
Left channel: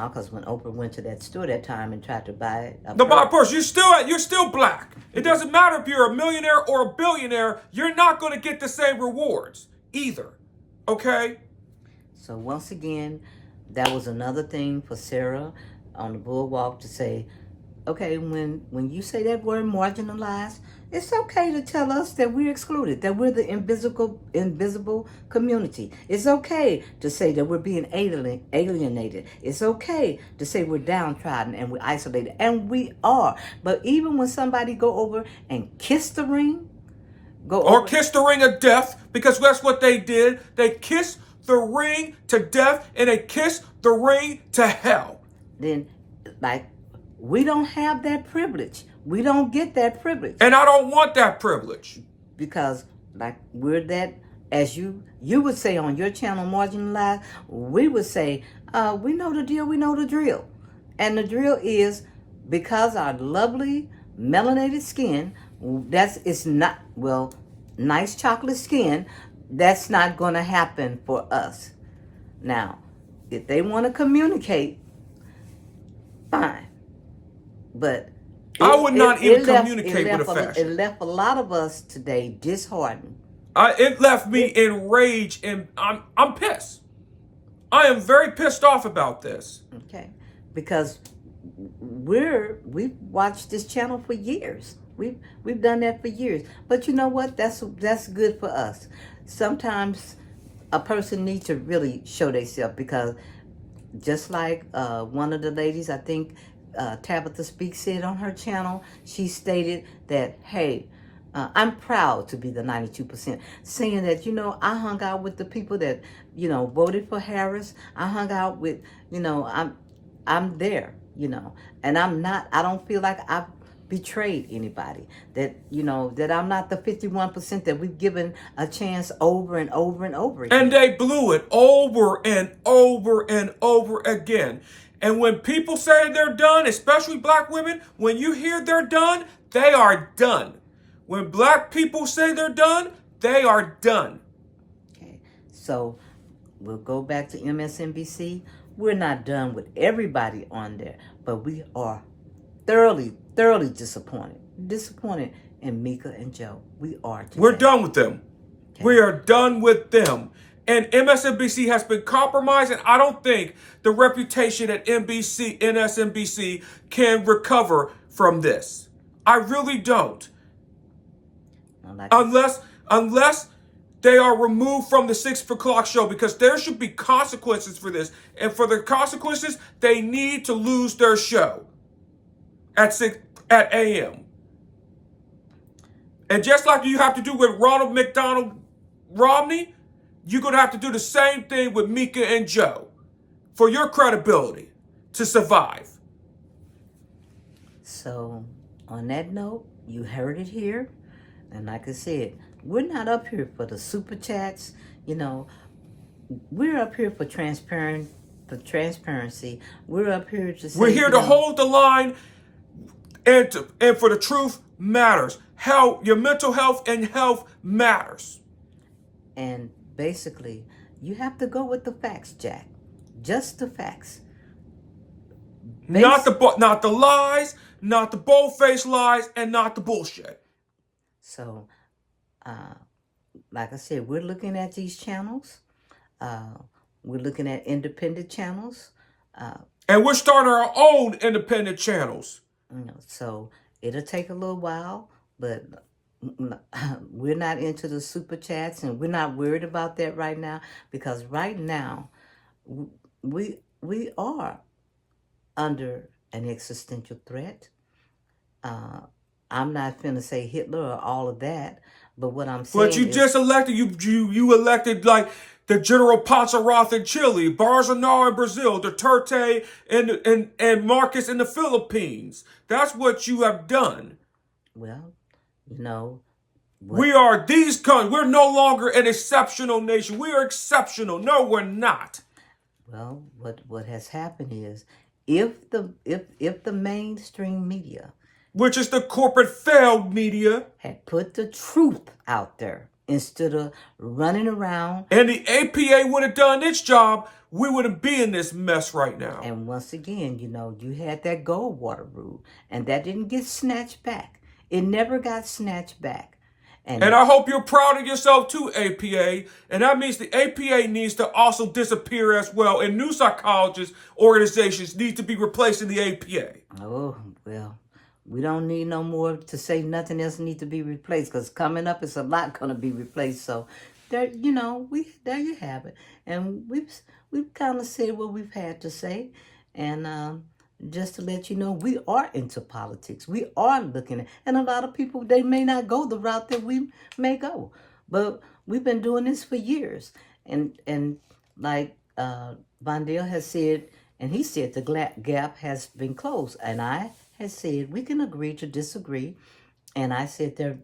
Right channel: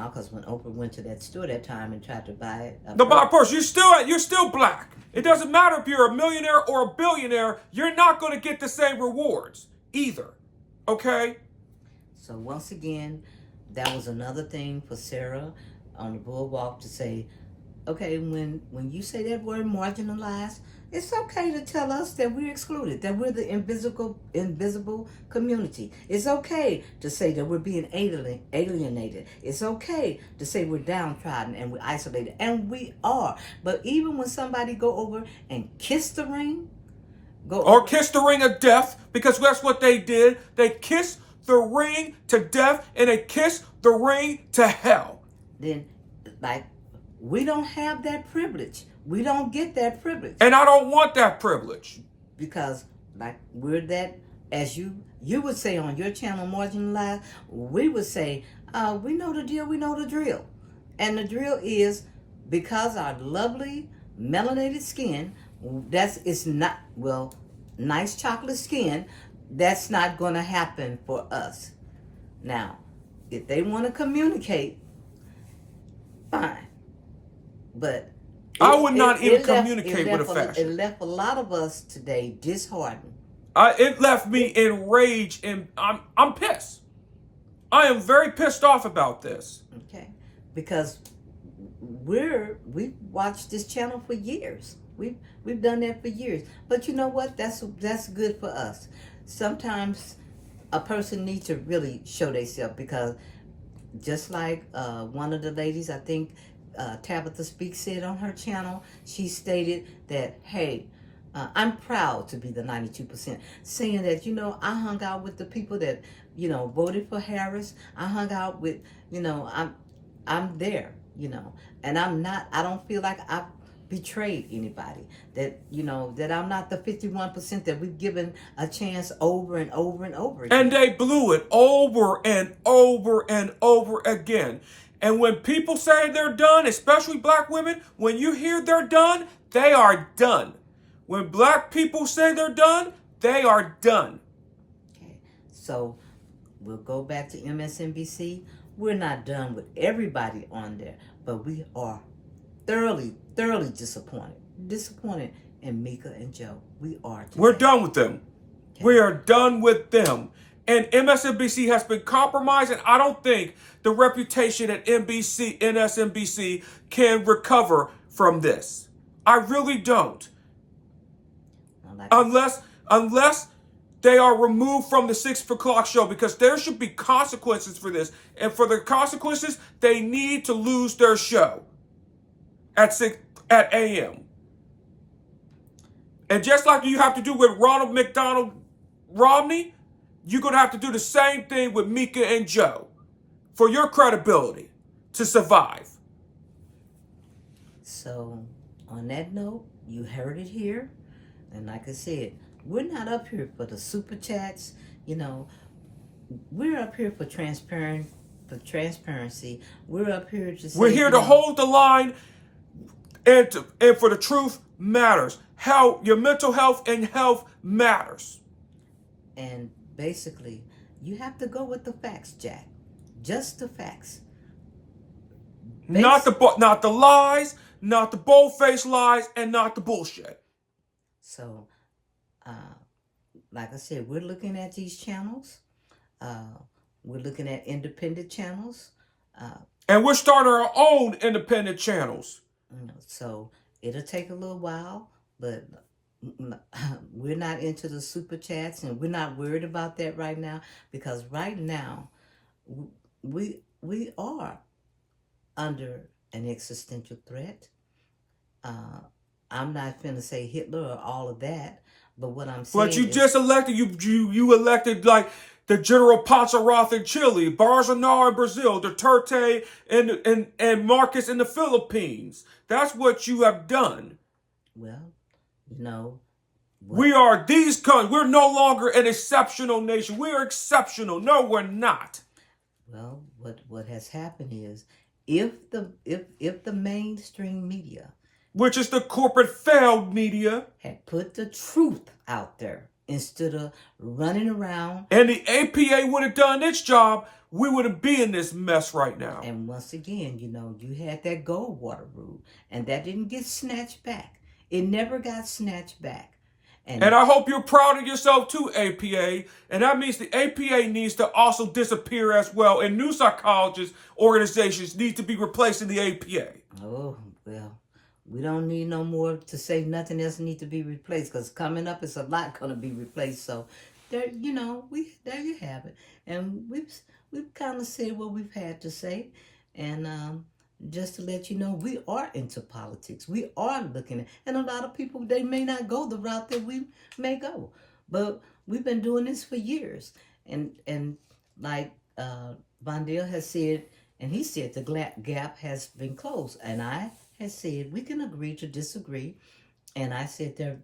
because when Oprah went to that store that time and tried to buy a purse, you're still black. It doesn't matter if you're a millionaire or a billionaire. You're not going to get the same rewards either. Okay? So once again, that was another thing for Sarah. on the boardwalk to say, okay, when you say that word marginalized, it's okay to tell us that we're excluded, that we're the invisible community. It's okay to say that we're being alienated. It's okay to say we're downtrodden and we're isolated, and we are. But even when somebody go over and kiss the ring, or kiss the ring of death, because that's what they did. They kissed the ring to death, and they kissed the ring to hell. Then, like, we don't have that privilege. We don't get that privilege. And I don't want that privilege. Because, like, we're that, as you would say on your channel, Marginalized, we would say, we know the deal, we know the drill. And the drill is, because our lovely melanated skin, it's not, well, nice chocolate skin, that's not going to happen for us. Now, if they want to communicate, fine. But I would not even communicate with a fascist. It left a lot of us today disheartened. It left me enraged, and I'm pissed. I am very pissed off about this. Okay, because we've watched this channel for years. We've done that for years. But you know what? That's good for us. Sometimes a person needs to really show themselves, because just like one of the ladies, I think Tabitha Speaks said on her channel, she stated that, hey, I'm proud to be the 92%, saying that, I hung out with the people that, voted for Harris. I hung out with, I'm there, and I don't feel like I've betrayed anybody, that, that I'm not the 51% that we've given a chance over and over and over again. And they blew it over and over and over again. And when people say they're done, especially black women, when you hear they're done, they are done. When black people say they're done, they are done. Okay, so we'll go back to MSNBC. We're not done with everybody on there, but we are thoroughly disappointed in Mika and Joe. We are today. We're done with them. Okay. We are done with them. And MSNBC has been compromised, and I don't think the reputation at MSNBC can recover from this. I really don't. Unless they are removed from the 6 o'clock show, because there should be consequences for this. And for the consequences, they need to lose their show at AM. And just like you have to do with Ronald McDonald Romney, you're going to have to do the same thing with Mika and Joe for your credibility to survive. So, on that note, you heard it here. And like I said, we're not up here for the super chats. We're up here for transparency. We're up here to say, we're here to hold the line, and for the truth matters. Your mental health and health matters. And basically, you have to go with the facts, Jack. Just the facts. Not the lies, not the bold-faced lies, and not the bullshit. So, like I said, we're looking at these channels. We're looking at independent channels. And we're starting our own independent channels. So, it'll take a little while, but we're not into the super chats, and we're not worried about that right now, because right now we are under an existential threat. I'm not finna say Hitler or all of that, but what I'm saying But you just elected, you elected like the General Ponceroth in Chile, Bolsonaro in Brazil, Duterte and Marcos in the Philippines. That's what you have done. Well, we are these countries. We're no longer an exceptional nation. We are exceptional. No, we're not. Well, what has happened is, if the mainstream media, which is the corporate failed media, had put the truth out there instead of running around, and the APA would have done its job, we wouldn't be in this mess right now. And once again, you had that Goldwater rule, and that didn't get snatched back. It never got snatched back. And I hope you're proud of yourself too, APA. And that means the APA needs to also disappear as well. And new psychologist organizations need to be replacing the APA. Oh, well, we don't need no more to say nothing else need to be replaced, because coming up it's a lot going to be replaced. So there, there you have it. And we've kind of said what we've had to say. And just to let you know, we are into politics. We are looking at, and a lot of people, they may not go the route that we may go, but we've been doing this for years. And like Vondale has said, and he said the gap has been closed, and I had said we can agree to disagree, and I said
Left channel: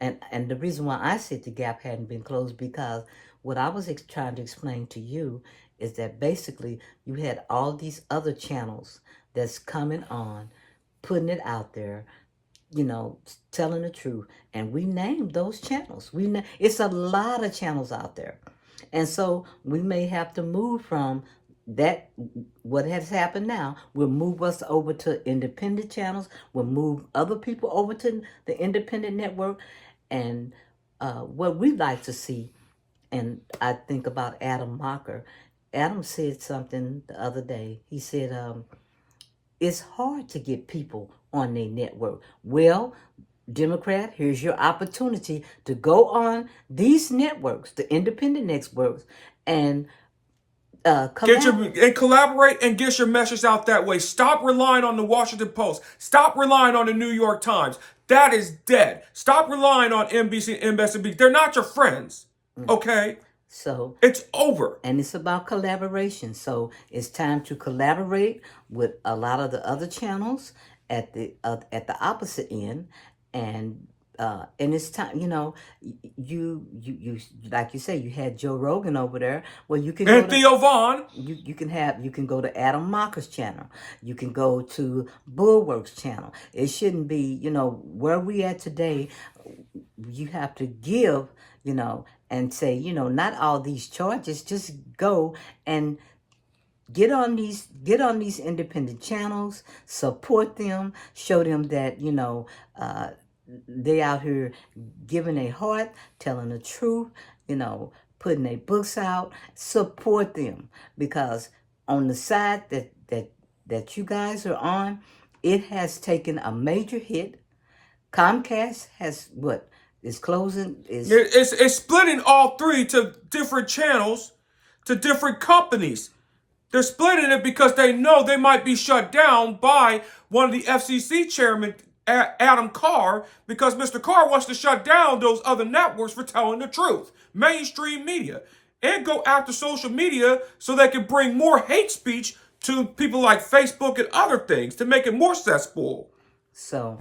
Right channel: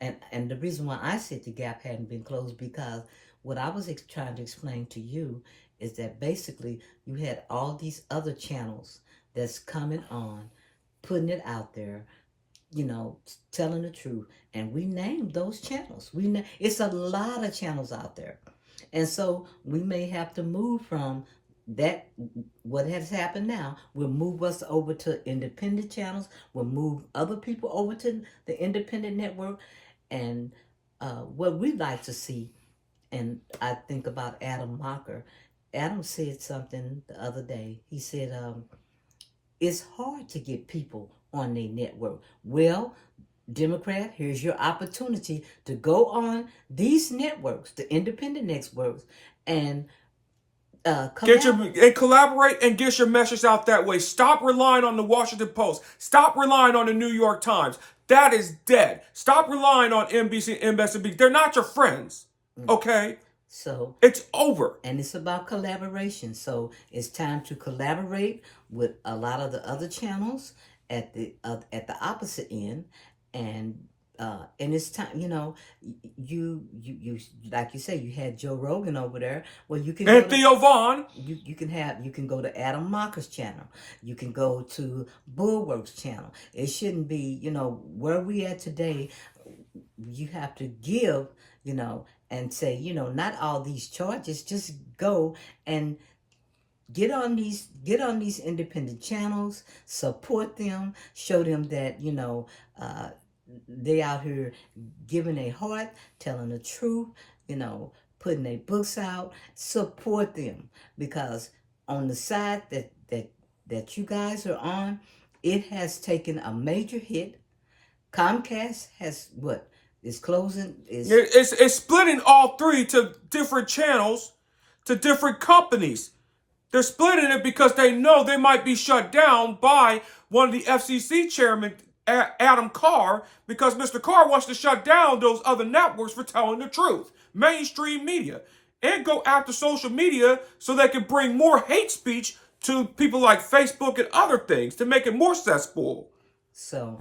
and the reason why I said the gap hadn't been closed, because what I was trying to explain to you is that basically you had all these other channels that's coming on, putting it out there, telling the truth. And we named those channels. It's a lot of channels out there. And so we may have to move from that, what has happened now, will move us over to independent channels, will move other people over to the independent network. And what we'd like to see, and I think about Adam Mocker. Adam said something the other day. He said, it's hard to get people on their network. Well, Democrat, here's your opportunity to go on these networks, the independent networks, and collaborate and get your message out that way. Stop relying on the Washington Post. Stop relying on the New York Times. That is dead. Stop relying on NBC and MSNBC. They're not your friends. Okay? So it's over. And it's about collaboration. So it's time to collaborate with a lot of the other channels at the opposite end, and it's time. You like you say, you had Joe Rogan over there. Well, you can Theo Vaughn. You can go to Adam Mocker's channel. You can go to Bulwark's channel. It shouldn't be where we at today. You have to give and say, not all these charges. Just go and get on these independent channels, support them, show them that they out here giving their heart, telling the truth, putting their books out. Support them, because on the side that you guys are on, it has taken a major hit. Comcast has is closing. It's splitting all three to different channels, to different companies. They're splitting it because they know they might be shut down by one of the FCC chairmen, Adam Carr, because Mr. Carr wants to shut down those other networks for telling the truth, mainstream media, and go after social media so they can bring more hate speech to people like Facebook and other things to make it more cesspool. So,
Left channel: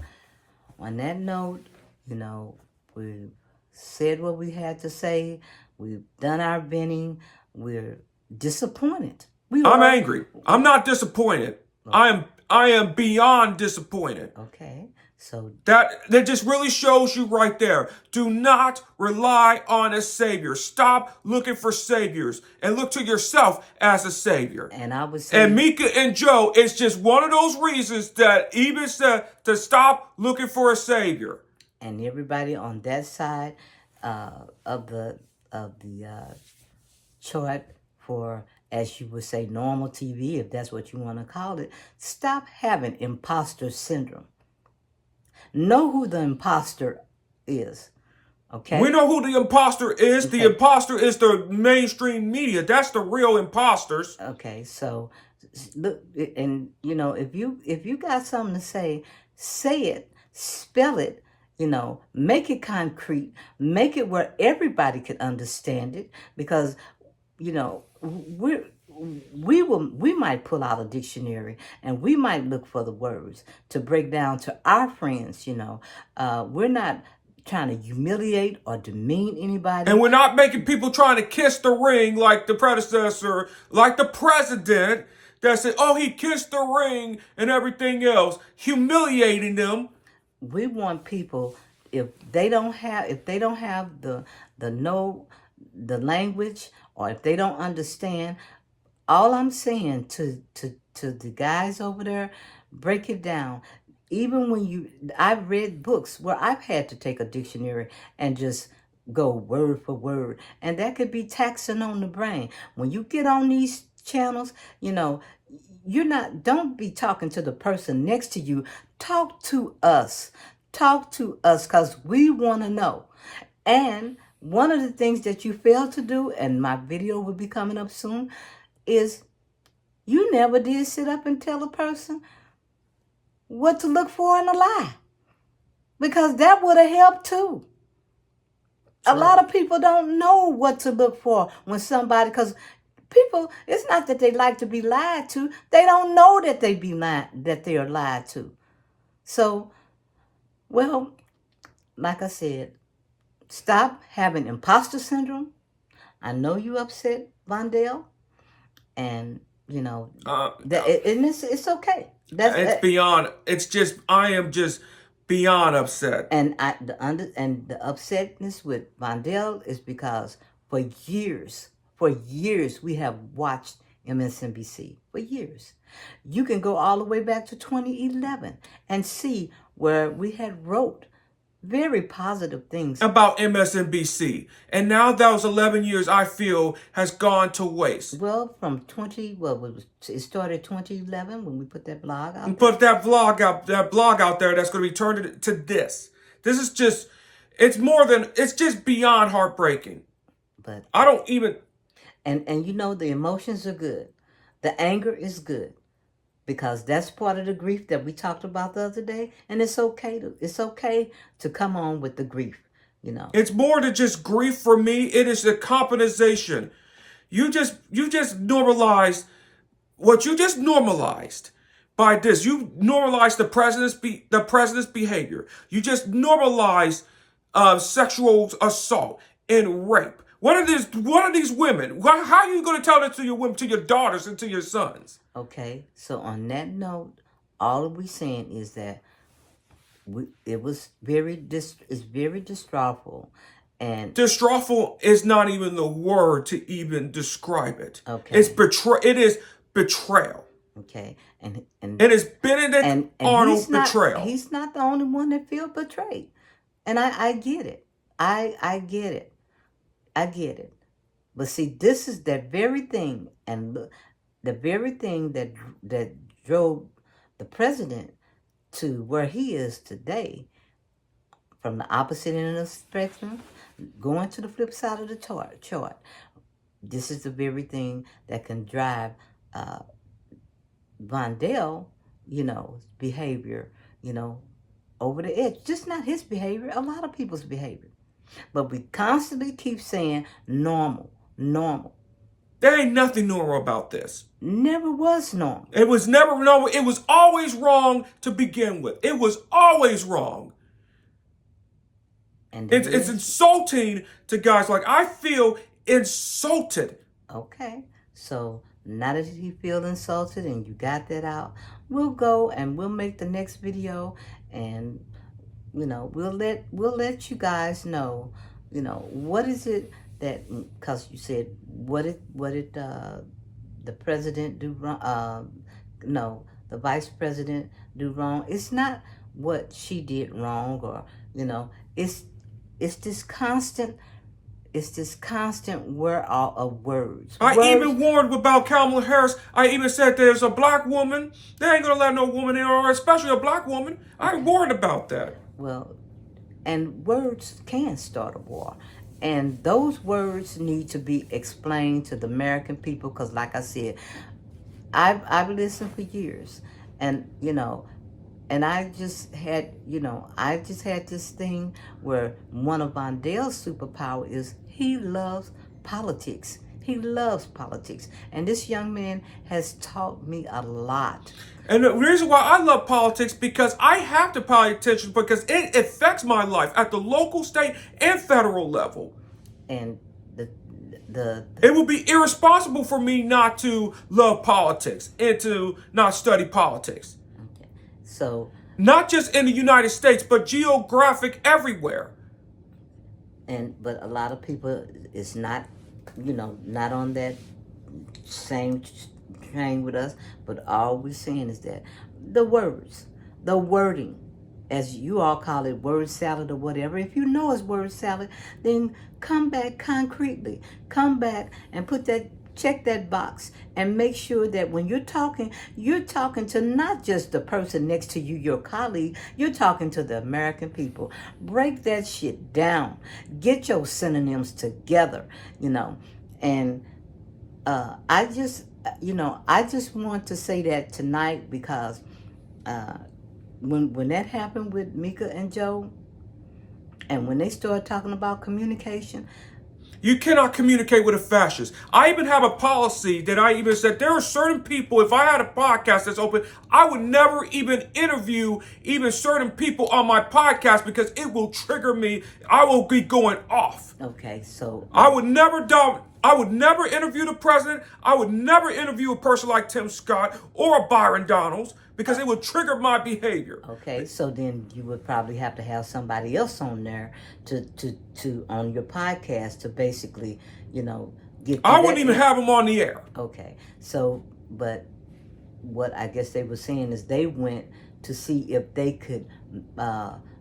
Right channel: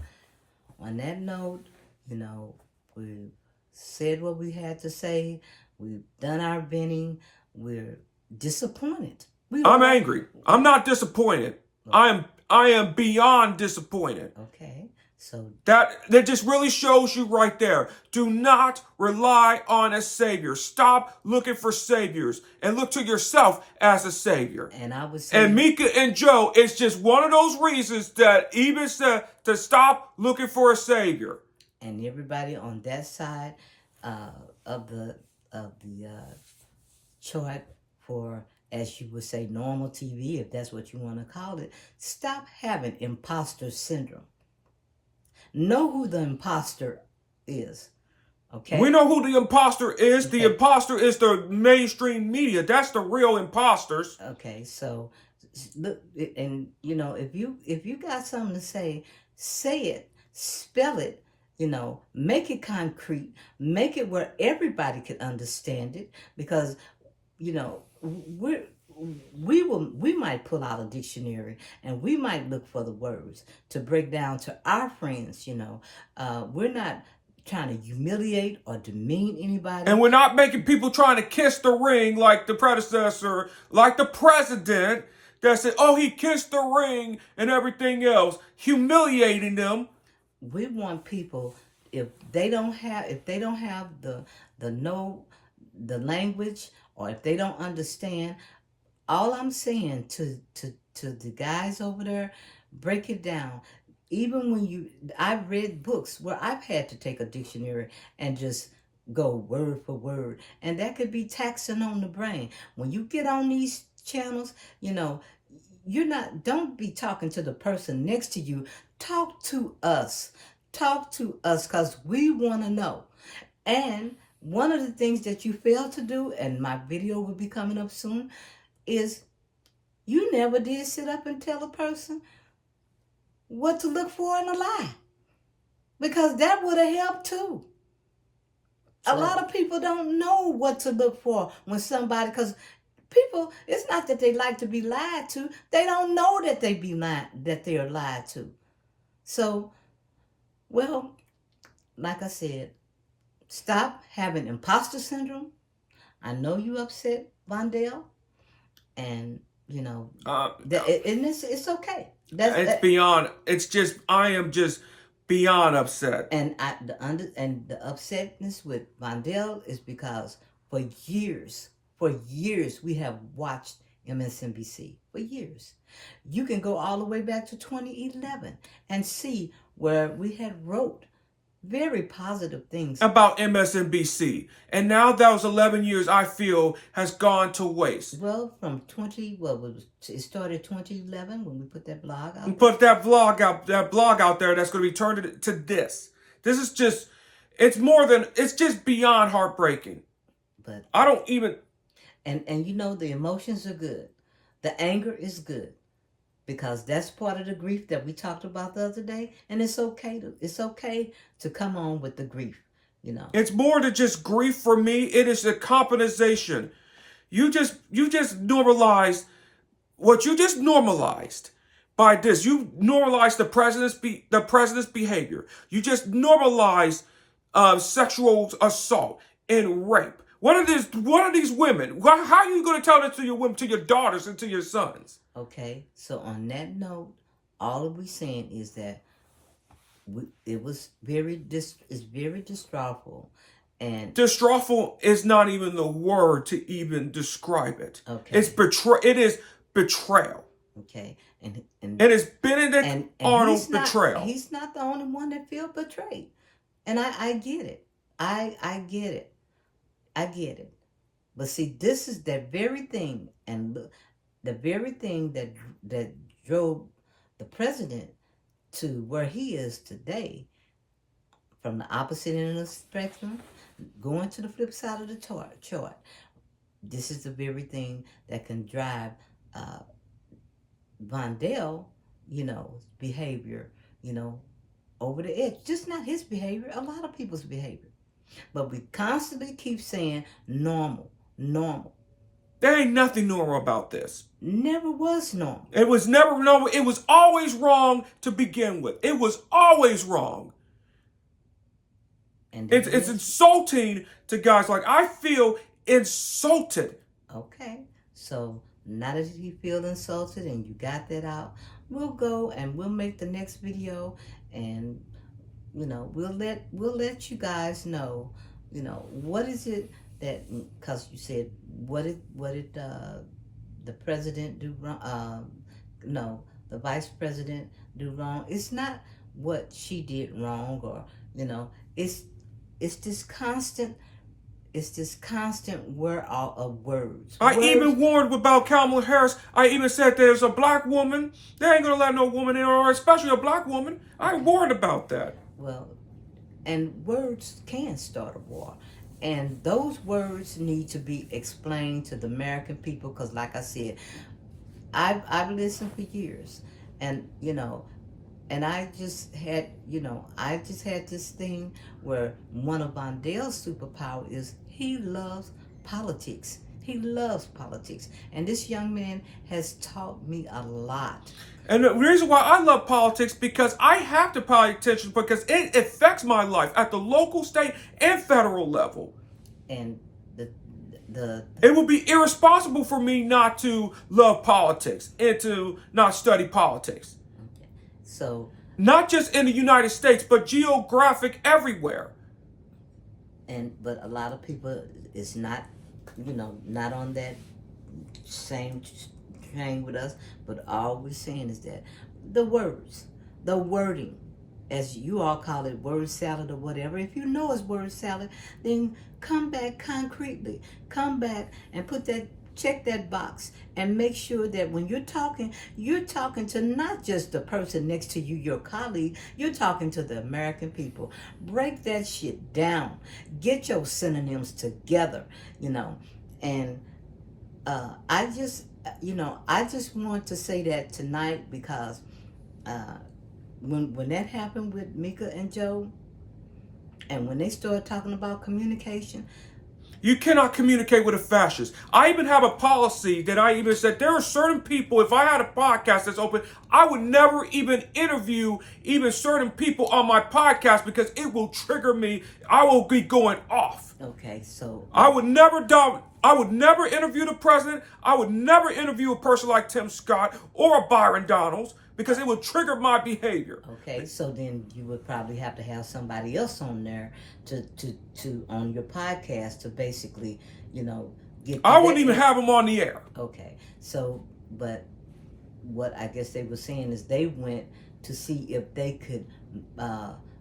on that note, we've said what we had to say. We've done our venting. We're disappointed. I'm angry. I'm not disappointed. Okay. I am beyond disappointed. Okay. So that just really shows you right there. Do not rely on a savior. Stop looking for saviors and look to yourself as a savior. And I was and Mika and Joe, it's just one of those reasons that even said to stop looking for a savior. And everybody on that side of the chart for, as you would say, normal TV, if that's what you want to call it, stop having imposter syndrome. Know who the imposter is. Okay? We know who the imposter is. Okay. The imposter is the mainstream media. That's the real imposters. Okay, so look, and if you got something to say it, spell it, make it concrete, make it where everybody can understand it, because we might pull out a dictionary and we might look for the words to break down to our friends. We're not trying to humiliate or demean anybody, and we're not making people trying to kiss the ring like the predecessor, like the president that said, "Oh, he kissed the ring" and everything else, humiliating them. We want people, if they don't have the language, or if they don't understand, all I'm saying to the guys over there, break it down. even when I've read books where I've had to take a dictionary and just go word for word, and that could be taxing on the brain. When you get on these channels, don't be talking to the person next to you. Talk to us. Talk to us, because we want to know. And one of the things that you fail to do, and my video will be coming up soon, is you never did sit up and tell a person what to look for in a lie. Because that would have helped too. Sure. A lot of people don't know what to look for when somebody, because people, it's not that they like to be lied to. They don't know that they are lied to. So, well, like I said, stop having imposter syndrome. I know you upset, Vondell, and it's okay. It's beyond. It's just I am just beyond upset. And the upsetness with Vondell is because for years we have watched MSNBC for years. You can go all the way back to 2011 and see where we had wrote very positive things about MSNBC. And now those 11 years, I feel, has gone to waste. Well, from it started 2011 when we put that blog out. We put that blog out there that's going to be turned to this. This is just, it's just beyond heartbreaking. But I don't even. And the emotions are good. The anger is good. Because that's part of the grief that we talked about the other day, and it's okay to come on with the grief, It's more than just grief for me. It is a compensation. You just normalized what you just normalized by this. You normalized the president's behavior. You just normalized sexual assault and rape. What are these women? How are you going to tell that to your women, to your daughters, and to your sons? Okay, so on that note, all we're saying is that it's very distressful, and distressful is not even the word to even describe it. Okay, it is betrayal. Okay, and it is Benedict Arnold betrayal. He's not the only one that feels betrayed, and I get it. I get it. I get it. But see, this is that very thing, and look. The very thing that drove the president to where he is today, from the opposite end of the spectrum, going to the flip side of the chart. This is the very thing that can drive Vondell, behavior, over the edge. Just not his behavior, a lot of people's behavior. But we constantly keep saying normal. There ain't nothing normal about this. Never was normal. It was never normal. It was always wrong to begin with. It was always wrong. And it's insulting to guys. Like, I feel insulted. Okay. So now that you feel insulted and you got that out, we'll go and we'll make the next video, and we'll let you guys know, what is it that, because you said what did the president do wrong? No, the vice president do wrong. It's not what she did wrong, or it's this constant wear out of words. I even warned about Kamala Harris. I even said there's a black woman. They ain't gonna let no woman in, or especially a black woman. I warned about that. Well, and words can start a war. And those words need to be explained to the American people, because like I said, I've listened for years, and and I just had this thing where one of Vondell's superpower is he loves politics. He loves politics. And this young man has taught me a lot. And the reason why I love politics, because I have to pay attention, because it affects my life at the local, state, and federal level. And it would be irresponsible for me not to love politics and to not study politics. Okay. So not just in the United States, but geographic everywhere. But a lot of people is not not on that same train with us, but all we're saying is that the words, the wording, as you all call it, word salad or whatever. If you know it's word salad, then come back concretely. Come back and check that box and make sure that when you're talking to not just the person next to you, your colleague, you're talking to the American people. Break that shit down. Get your synonyms together, and I just want to say that tonight because when that happened with Mika and Joe, and when they started talking about communication, you cannot communicate with a fascist. I even have a policy that I even said there are certain people, if I had a podcast that's open, I would never even interview even certain people on my podcast because it will trigger me. I will be going off. Okay, so I would never interview the president. I would never interview a person like Tim Scott or a Byron Donalds because it would trigger my behavior. Okay, so then you would probably have to have somebody else on there to on your podcast to basically, get. I wouldn't even have them on the air. Okay, so but what I guess they were saying is they went to see if they could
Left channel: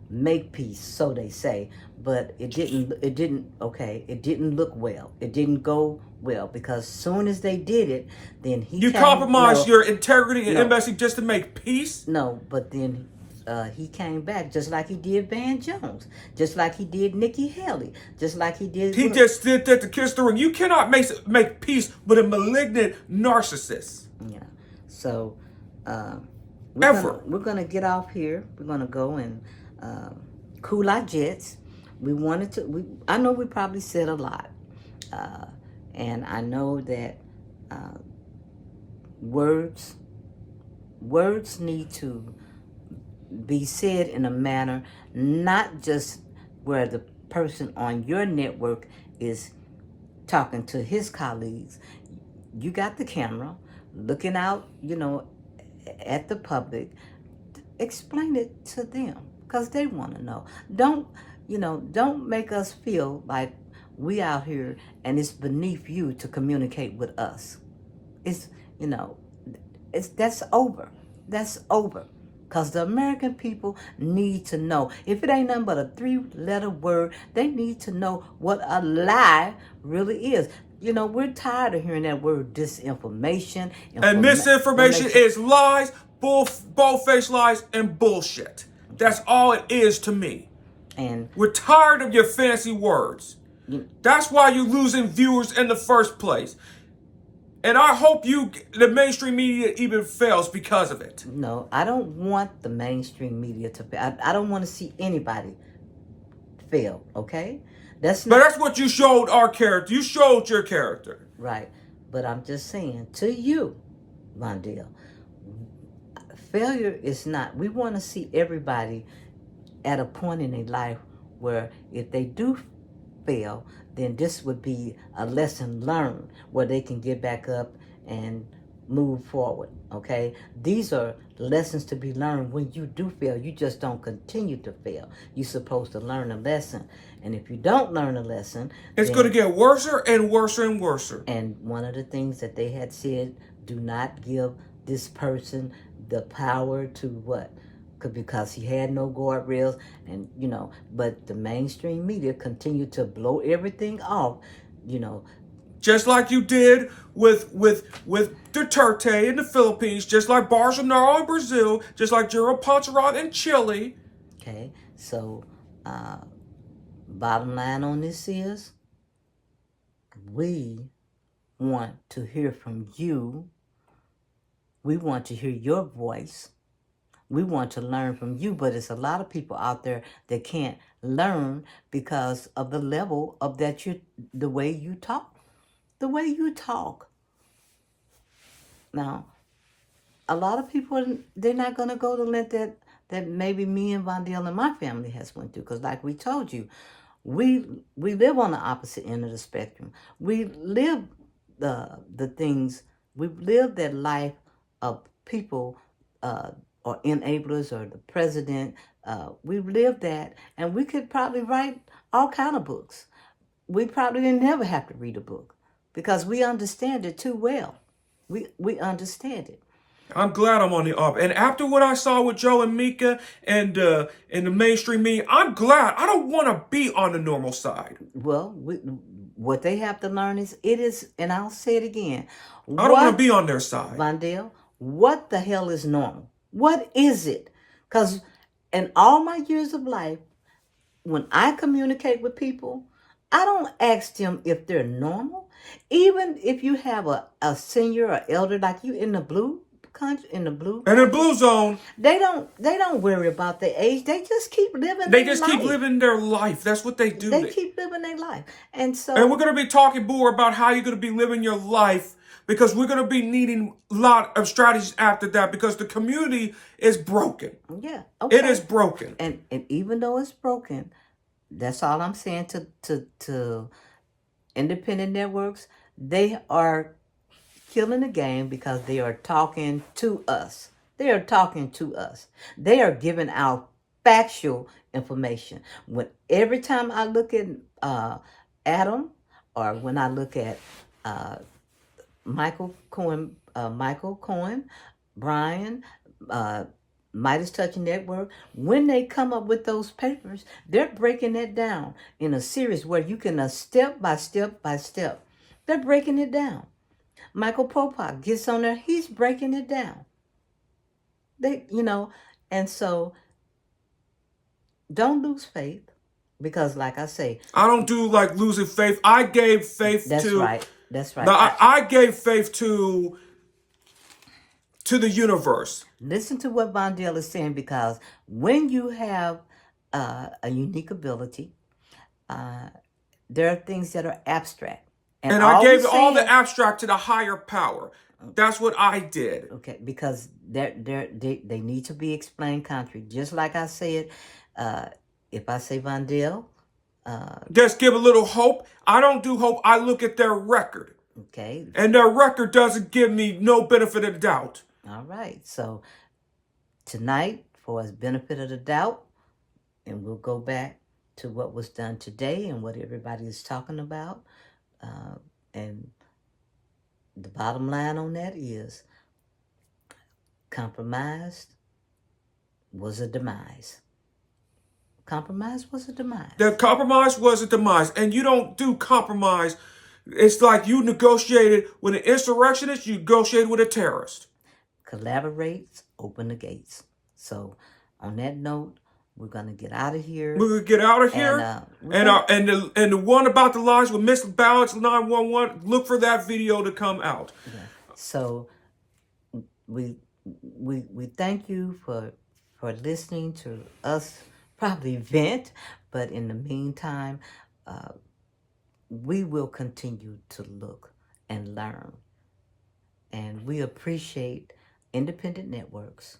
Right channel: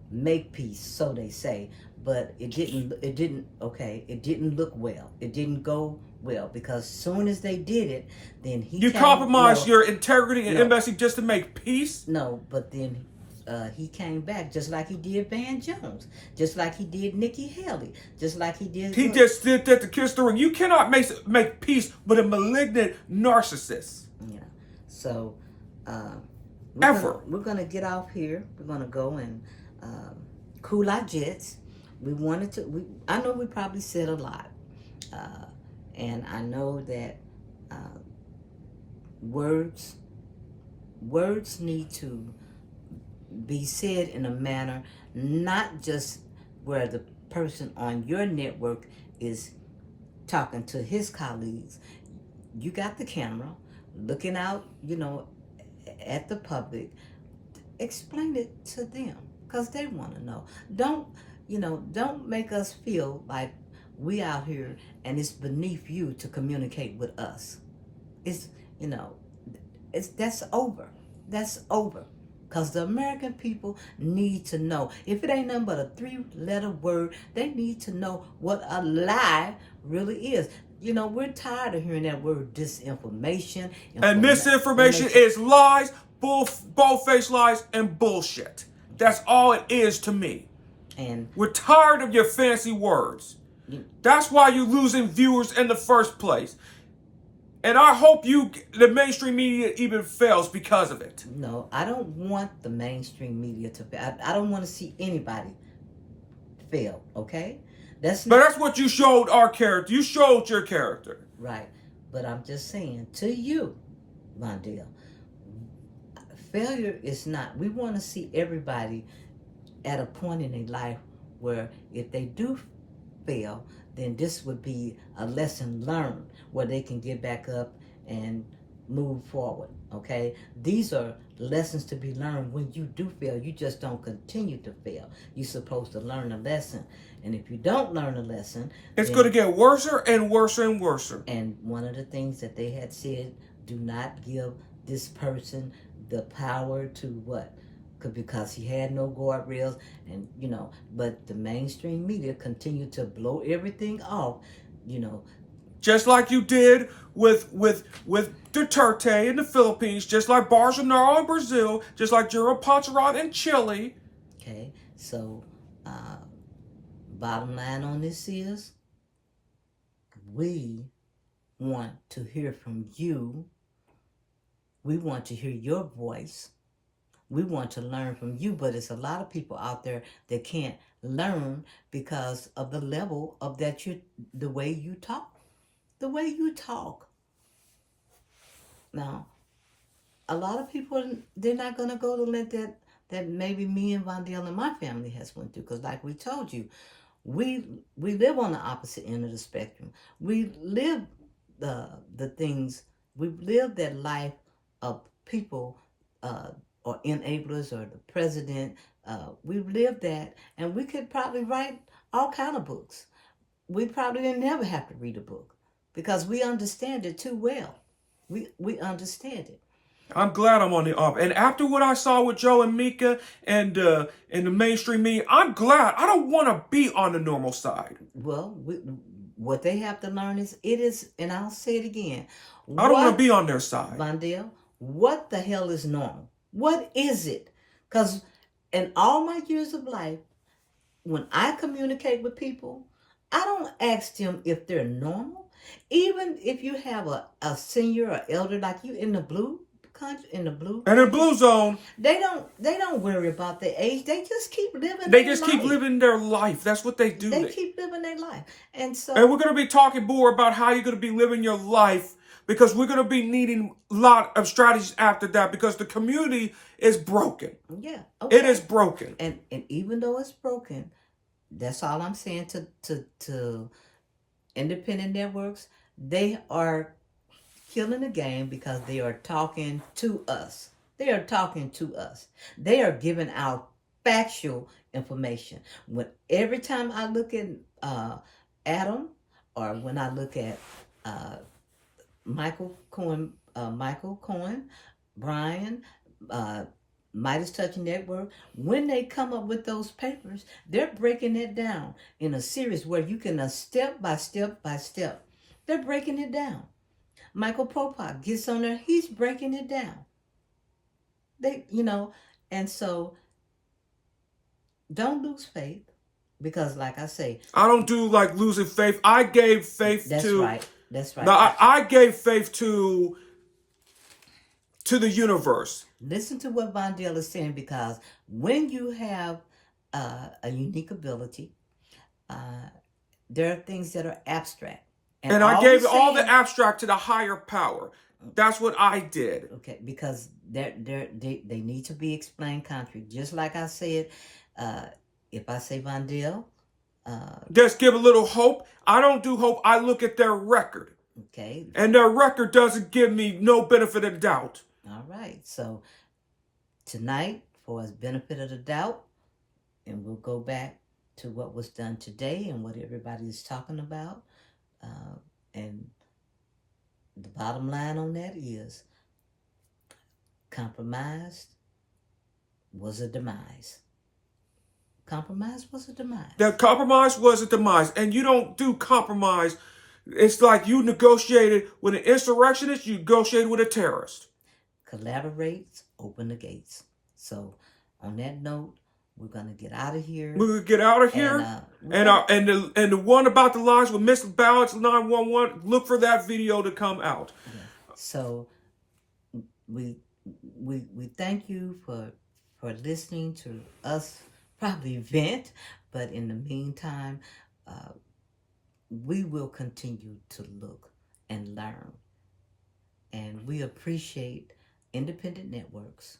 make peace, so they say, but it didn't look well. It didn't go well because soon as they did it, then you compromise your integrity and embassy just to make peace. No, but then he came back just like he did Van Jones, just like he did Nikki Haley, just like he did. He just did that to kiss the ring. You cannot make peace with a malignant narcissist. Yeah. So we're gonna get off here. We're gonna go and cool our jets. I know we probably said a lot, and I know that words need to be said in a manner not just where the person on your network is talking to his colleagues. You got the camera looking out, at the public. Explain it to them because they want to know. Don't make us feel like we out here and it's beneath you to communicate with us. That's over. That's over. Because the American people need to know. If it ain't nothing but a 3-letter word, they need to know what a lie really is. We're tired of hearing that word disinformation. And misinformation is lies, bold-faced lies, and bullshit. That's all it is to me. And we're tired of your fancy words. That's why you're losing viewers in the first place. And I hope the mainstream media even fails because of it. No, I don't want the mainstream media to fail. I don't want to see anybody fail, okay? But that's what you showed our character. You showed your character. Right. But I'm just saying, to you, Mondale, failure is not. We want to see everybody at a point in their life where if they do fail, then this would be a lesson learned where they can get back up and move forward, okay? These are lessons to be learned when you do fail. You just don't continue to fail. You're supposed to learn a lesson. And if you don't learn a lesson... it's going to get worse and worse and worse. And one of the things that they had said, do not give this person the power to what? Because he had no guardrails, and but the mainstream media continued to blow everything off, just like you did with Duterte in the Philippines, just like Bolsonaro in Brazil, just like Jair Bolsonaro in Chile. Okay, so bottom line on this is, we want to hear from you. We want to hear your voice. We want to learn from you, but it's a lot of people out there that can't learn because of the level of the way you talk. The way you talk. Now, a lot of people, they're not going to go to let that maybe me and Vondale and my family has went through. Because like we told you, we live on the opposite end of the spectrum. We live the things, we live that life of people or enablers or the president. We've lived that, and we could probably write all kind of books. We probably didn't never have to read a book because we understand it too well. We understand it. I'm glad I'm on the up. And after what I saw with Joe and Mika and in the mainstream media, I'm glad. I don't want to be on the normal side. Well, what they have to learn is, and I'll say it again. I don't want to be on their side. Vondell, what the hell is normal? What is it? Because in all my years of life, when I communicate with people, I don't ask them if they're normal. Even if you have a senior or elder like you in the blue country, in the blue zone, they don't worry about their age. They just keep living. They just keep living their life. That's what they do. They keep living their life, and we're going to be talking more about how you're going to be living your life, because we're going to be needing a lot of strategies after that, because the community is broken. Yeah, okay. It is broken, and even though it's broken, that's all I'm saying to independent networks. They are killing the game because they are talking to us. They are talking to us. They are giving out factual information. When every time I look at Adam, or when I look at Michael Cohen, Brian, Midas Touch Network, when they come up with those papers, they're breaking it down in a series where you can step by step by step. They're breaking it down. Michael Popak gets on there, he's breaking it down. And so don't lose faith, because like I say, I don't do like losing faith. I gave faith to. That's right. Now, I gave faith to the universe. Listen to what Vondell is saying, because when you have a unique ability, there are things that are abstract. And I gave all the abstract to the higher power. That's what I did. Okay, because they need to be explained country. Just like I said, if I say Vondell, just give a little hope. I don't do hope. I look at their record. Okay. And their record doesn't give me no benefit of the doubt. All right. So tonight, for his benefit of the doubt, and we'll go back to what was done today and what everybody is talking about. And the bottom line on that is compromise was a demise. Compromise was a demise. The compromise was a demise. And you don't do compromise. It's like you negotiated with an insurrectionist, you negotiated with a terrorist. Collaborate, open the gates. So on that note, we're gonna get out of here. We're gonna get out of here. And the one about the lies with Miss Balance 911. Look for that video to come out. Yeah. So we thank you for listening to us probably vent, but in the meantime, we will continue to look and learn, and we appreciate independent networks,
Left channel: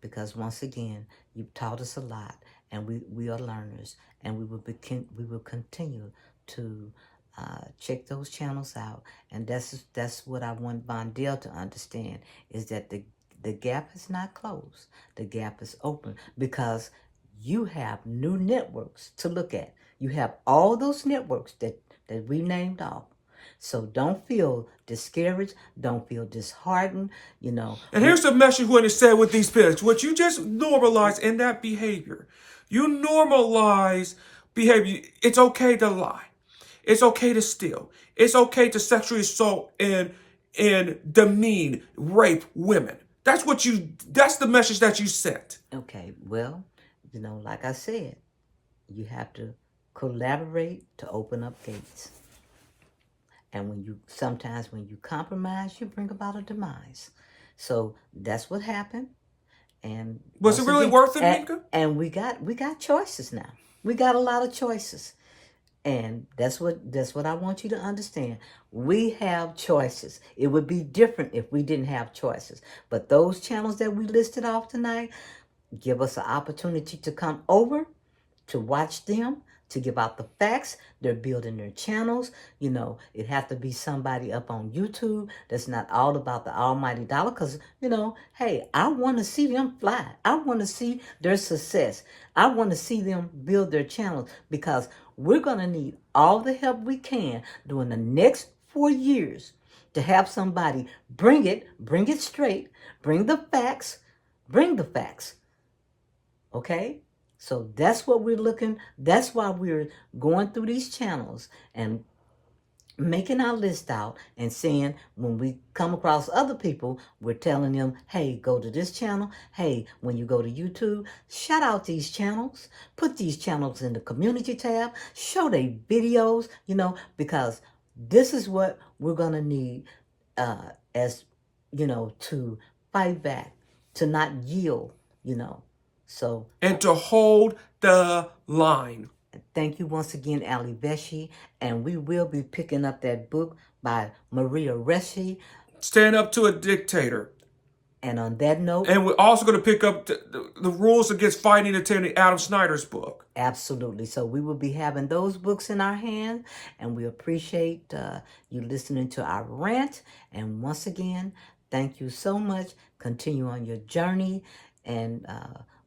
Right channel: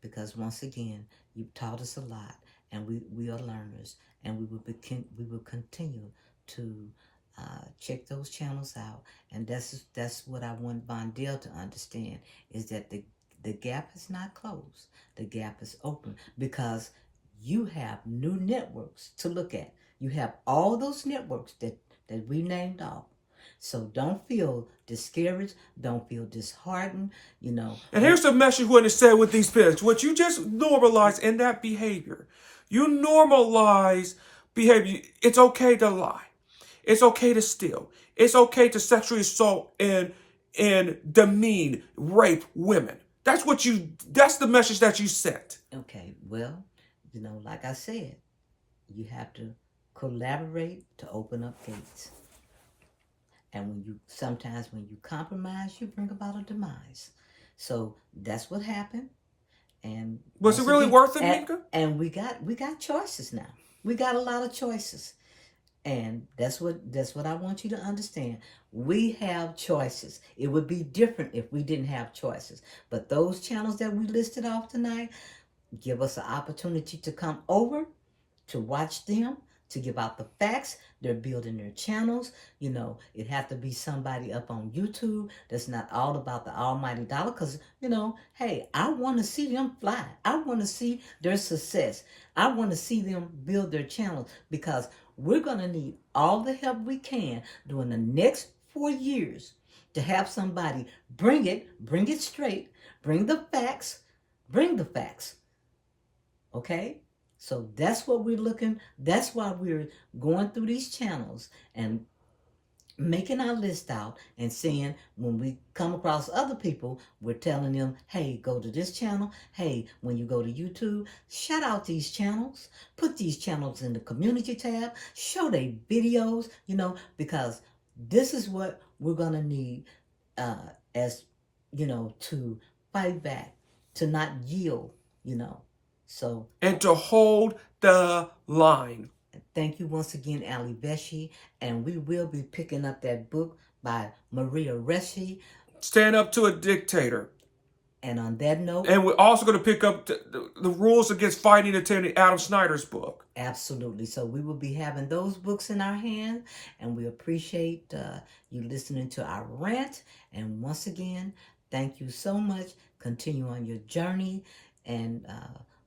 because once again, you've taught us a lot, and we are learners, and we will continue to check those channels out. And that's what I want Vondell to understand, is that the gap is not closed. The gap is open, because you have new networks to look at. You have all those networks that we named off. So don't feel discouraged. Don't feel disheartened. And here's the message when it's said with these pics. What you just normalize in that behavior. You normalize behavior. It's okay to lie. It's okay to steal. It's okay to sexually assault and demean, rape women. That's the message that you sent. Okay, well, like I said, you have to collaborate to open up gates. And sometimes when you compromise, you bring about a demise. So that's what happened. And was it really worth it, Mika? And we got choices now. We got a lot of choices. And that's what I want you to understand. We have choices. It would be different if we didn't have choices. But those channels that we listed off tonight give us an opportunity to come over, to watch them, to give out the facts. They're building their channels. It have to be somebody up on YouTube that's not all about the almighty dollar, because, hey, I want to see them fly. I want to see their success. I want to see them build their channels, because we're going to need all the help we can during the next 4 years to have somebody bring it straight, bring the facts, bring the facts. Okay? So that's what we're looking, that's why we're going through these channels and making our list out and saying when we come across other people, we're telling them, hey, go to this channel. Hey, when you go to YouTube, shout out these channels. Put these channels in the community tab. Show their videos, because this is what we're going to need as, to fight back, to not yield. So, and to hold the line. thank you once again, Ali Beshi, and we will be picking up that book by Maria Reschi. Stand Up to a Dictator. And on that note, and we're also going to pick up the rules against fighting attending Adam Snyder's book. Absolutely. So we will be having those books in our hand, and we appreciate you listening to our rant. And once again, thank you so much. Continue on your journey, and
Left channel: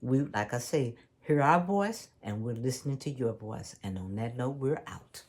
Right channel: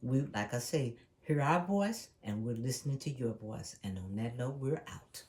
we, like I say, hear our voice, and we're listening to your voice. And on that note, we're out.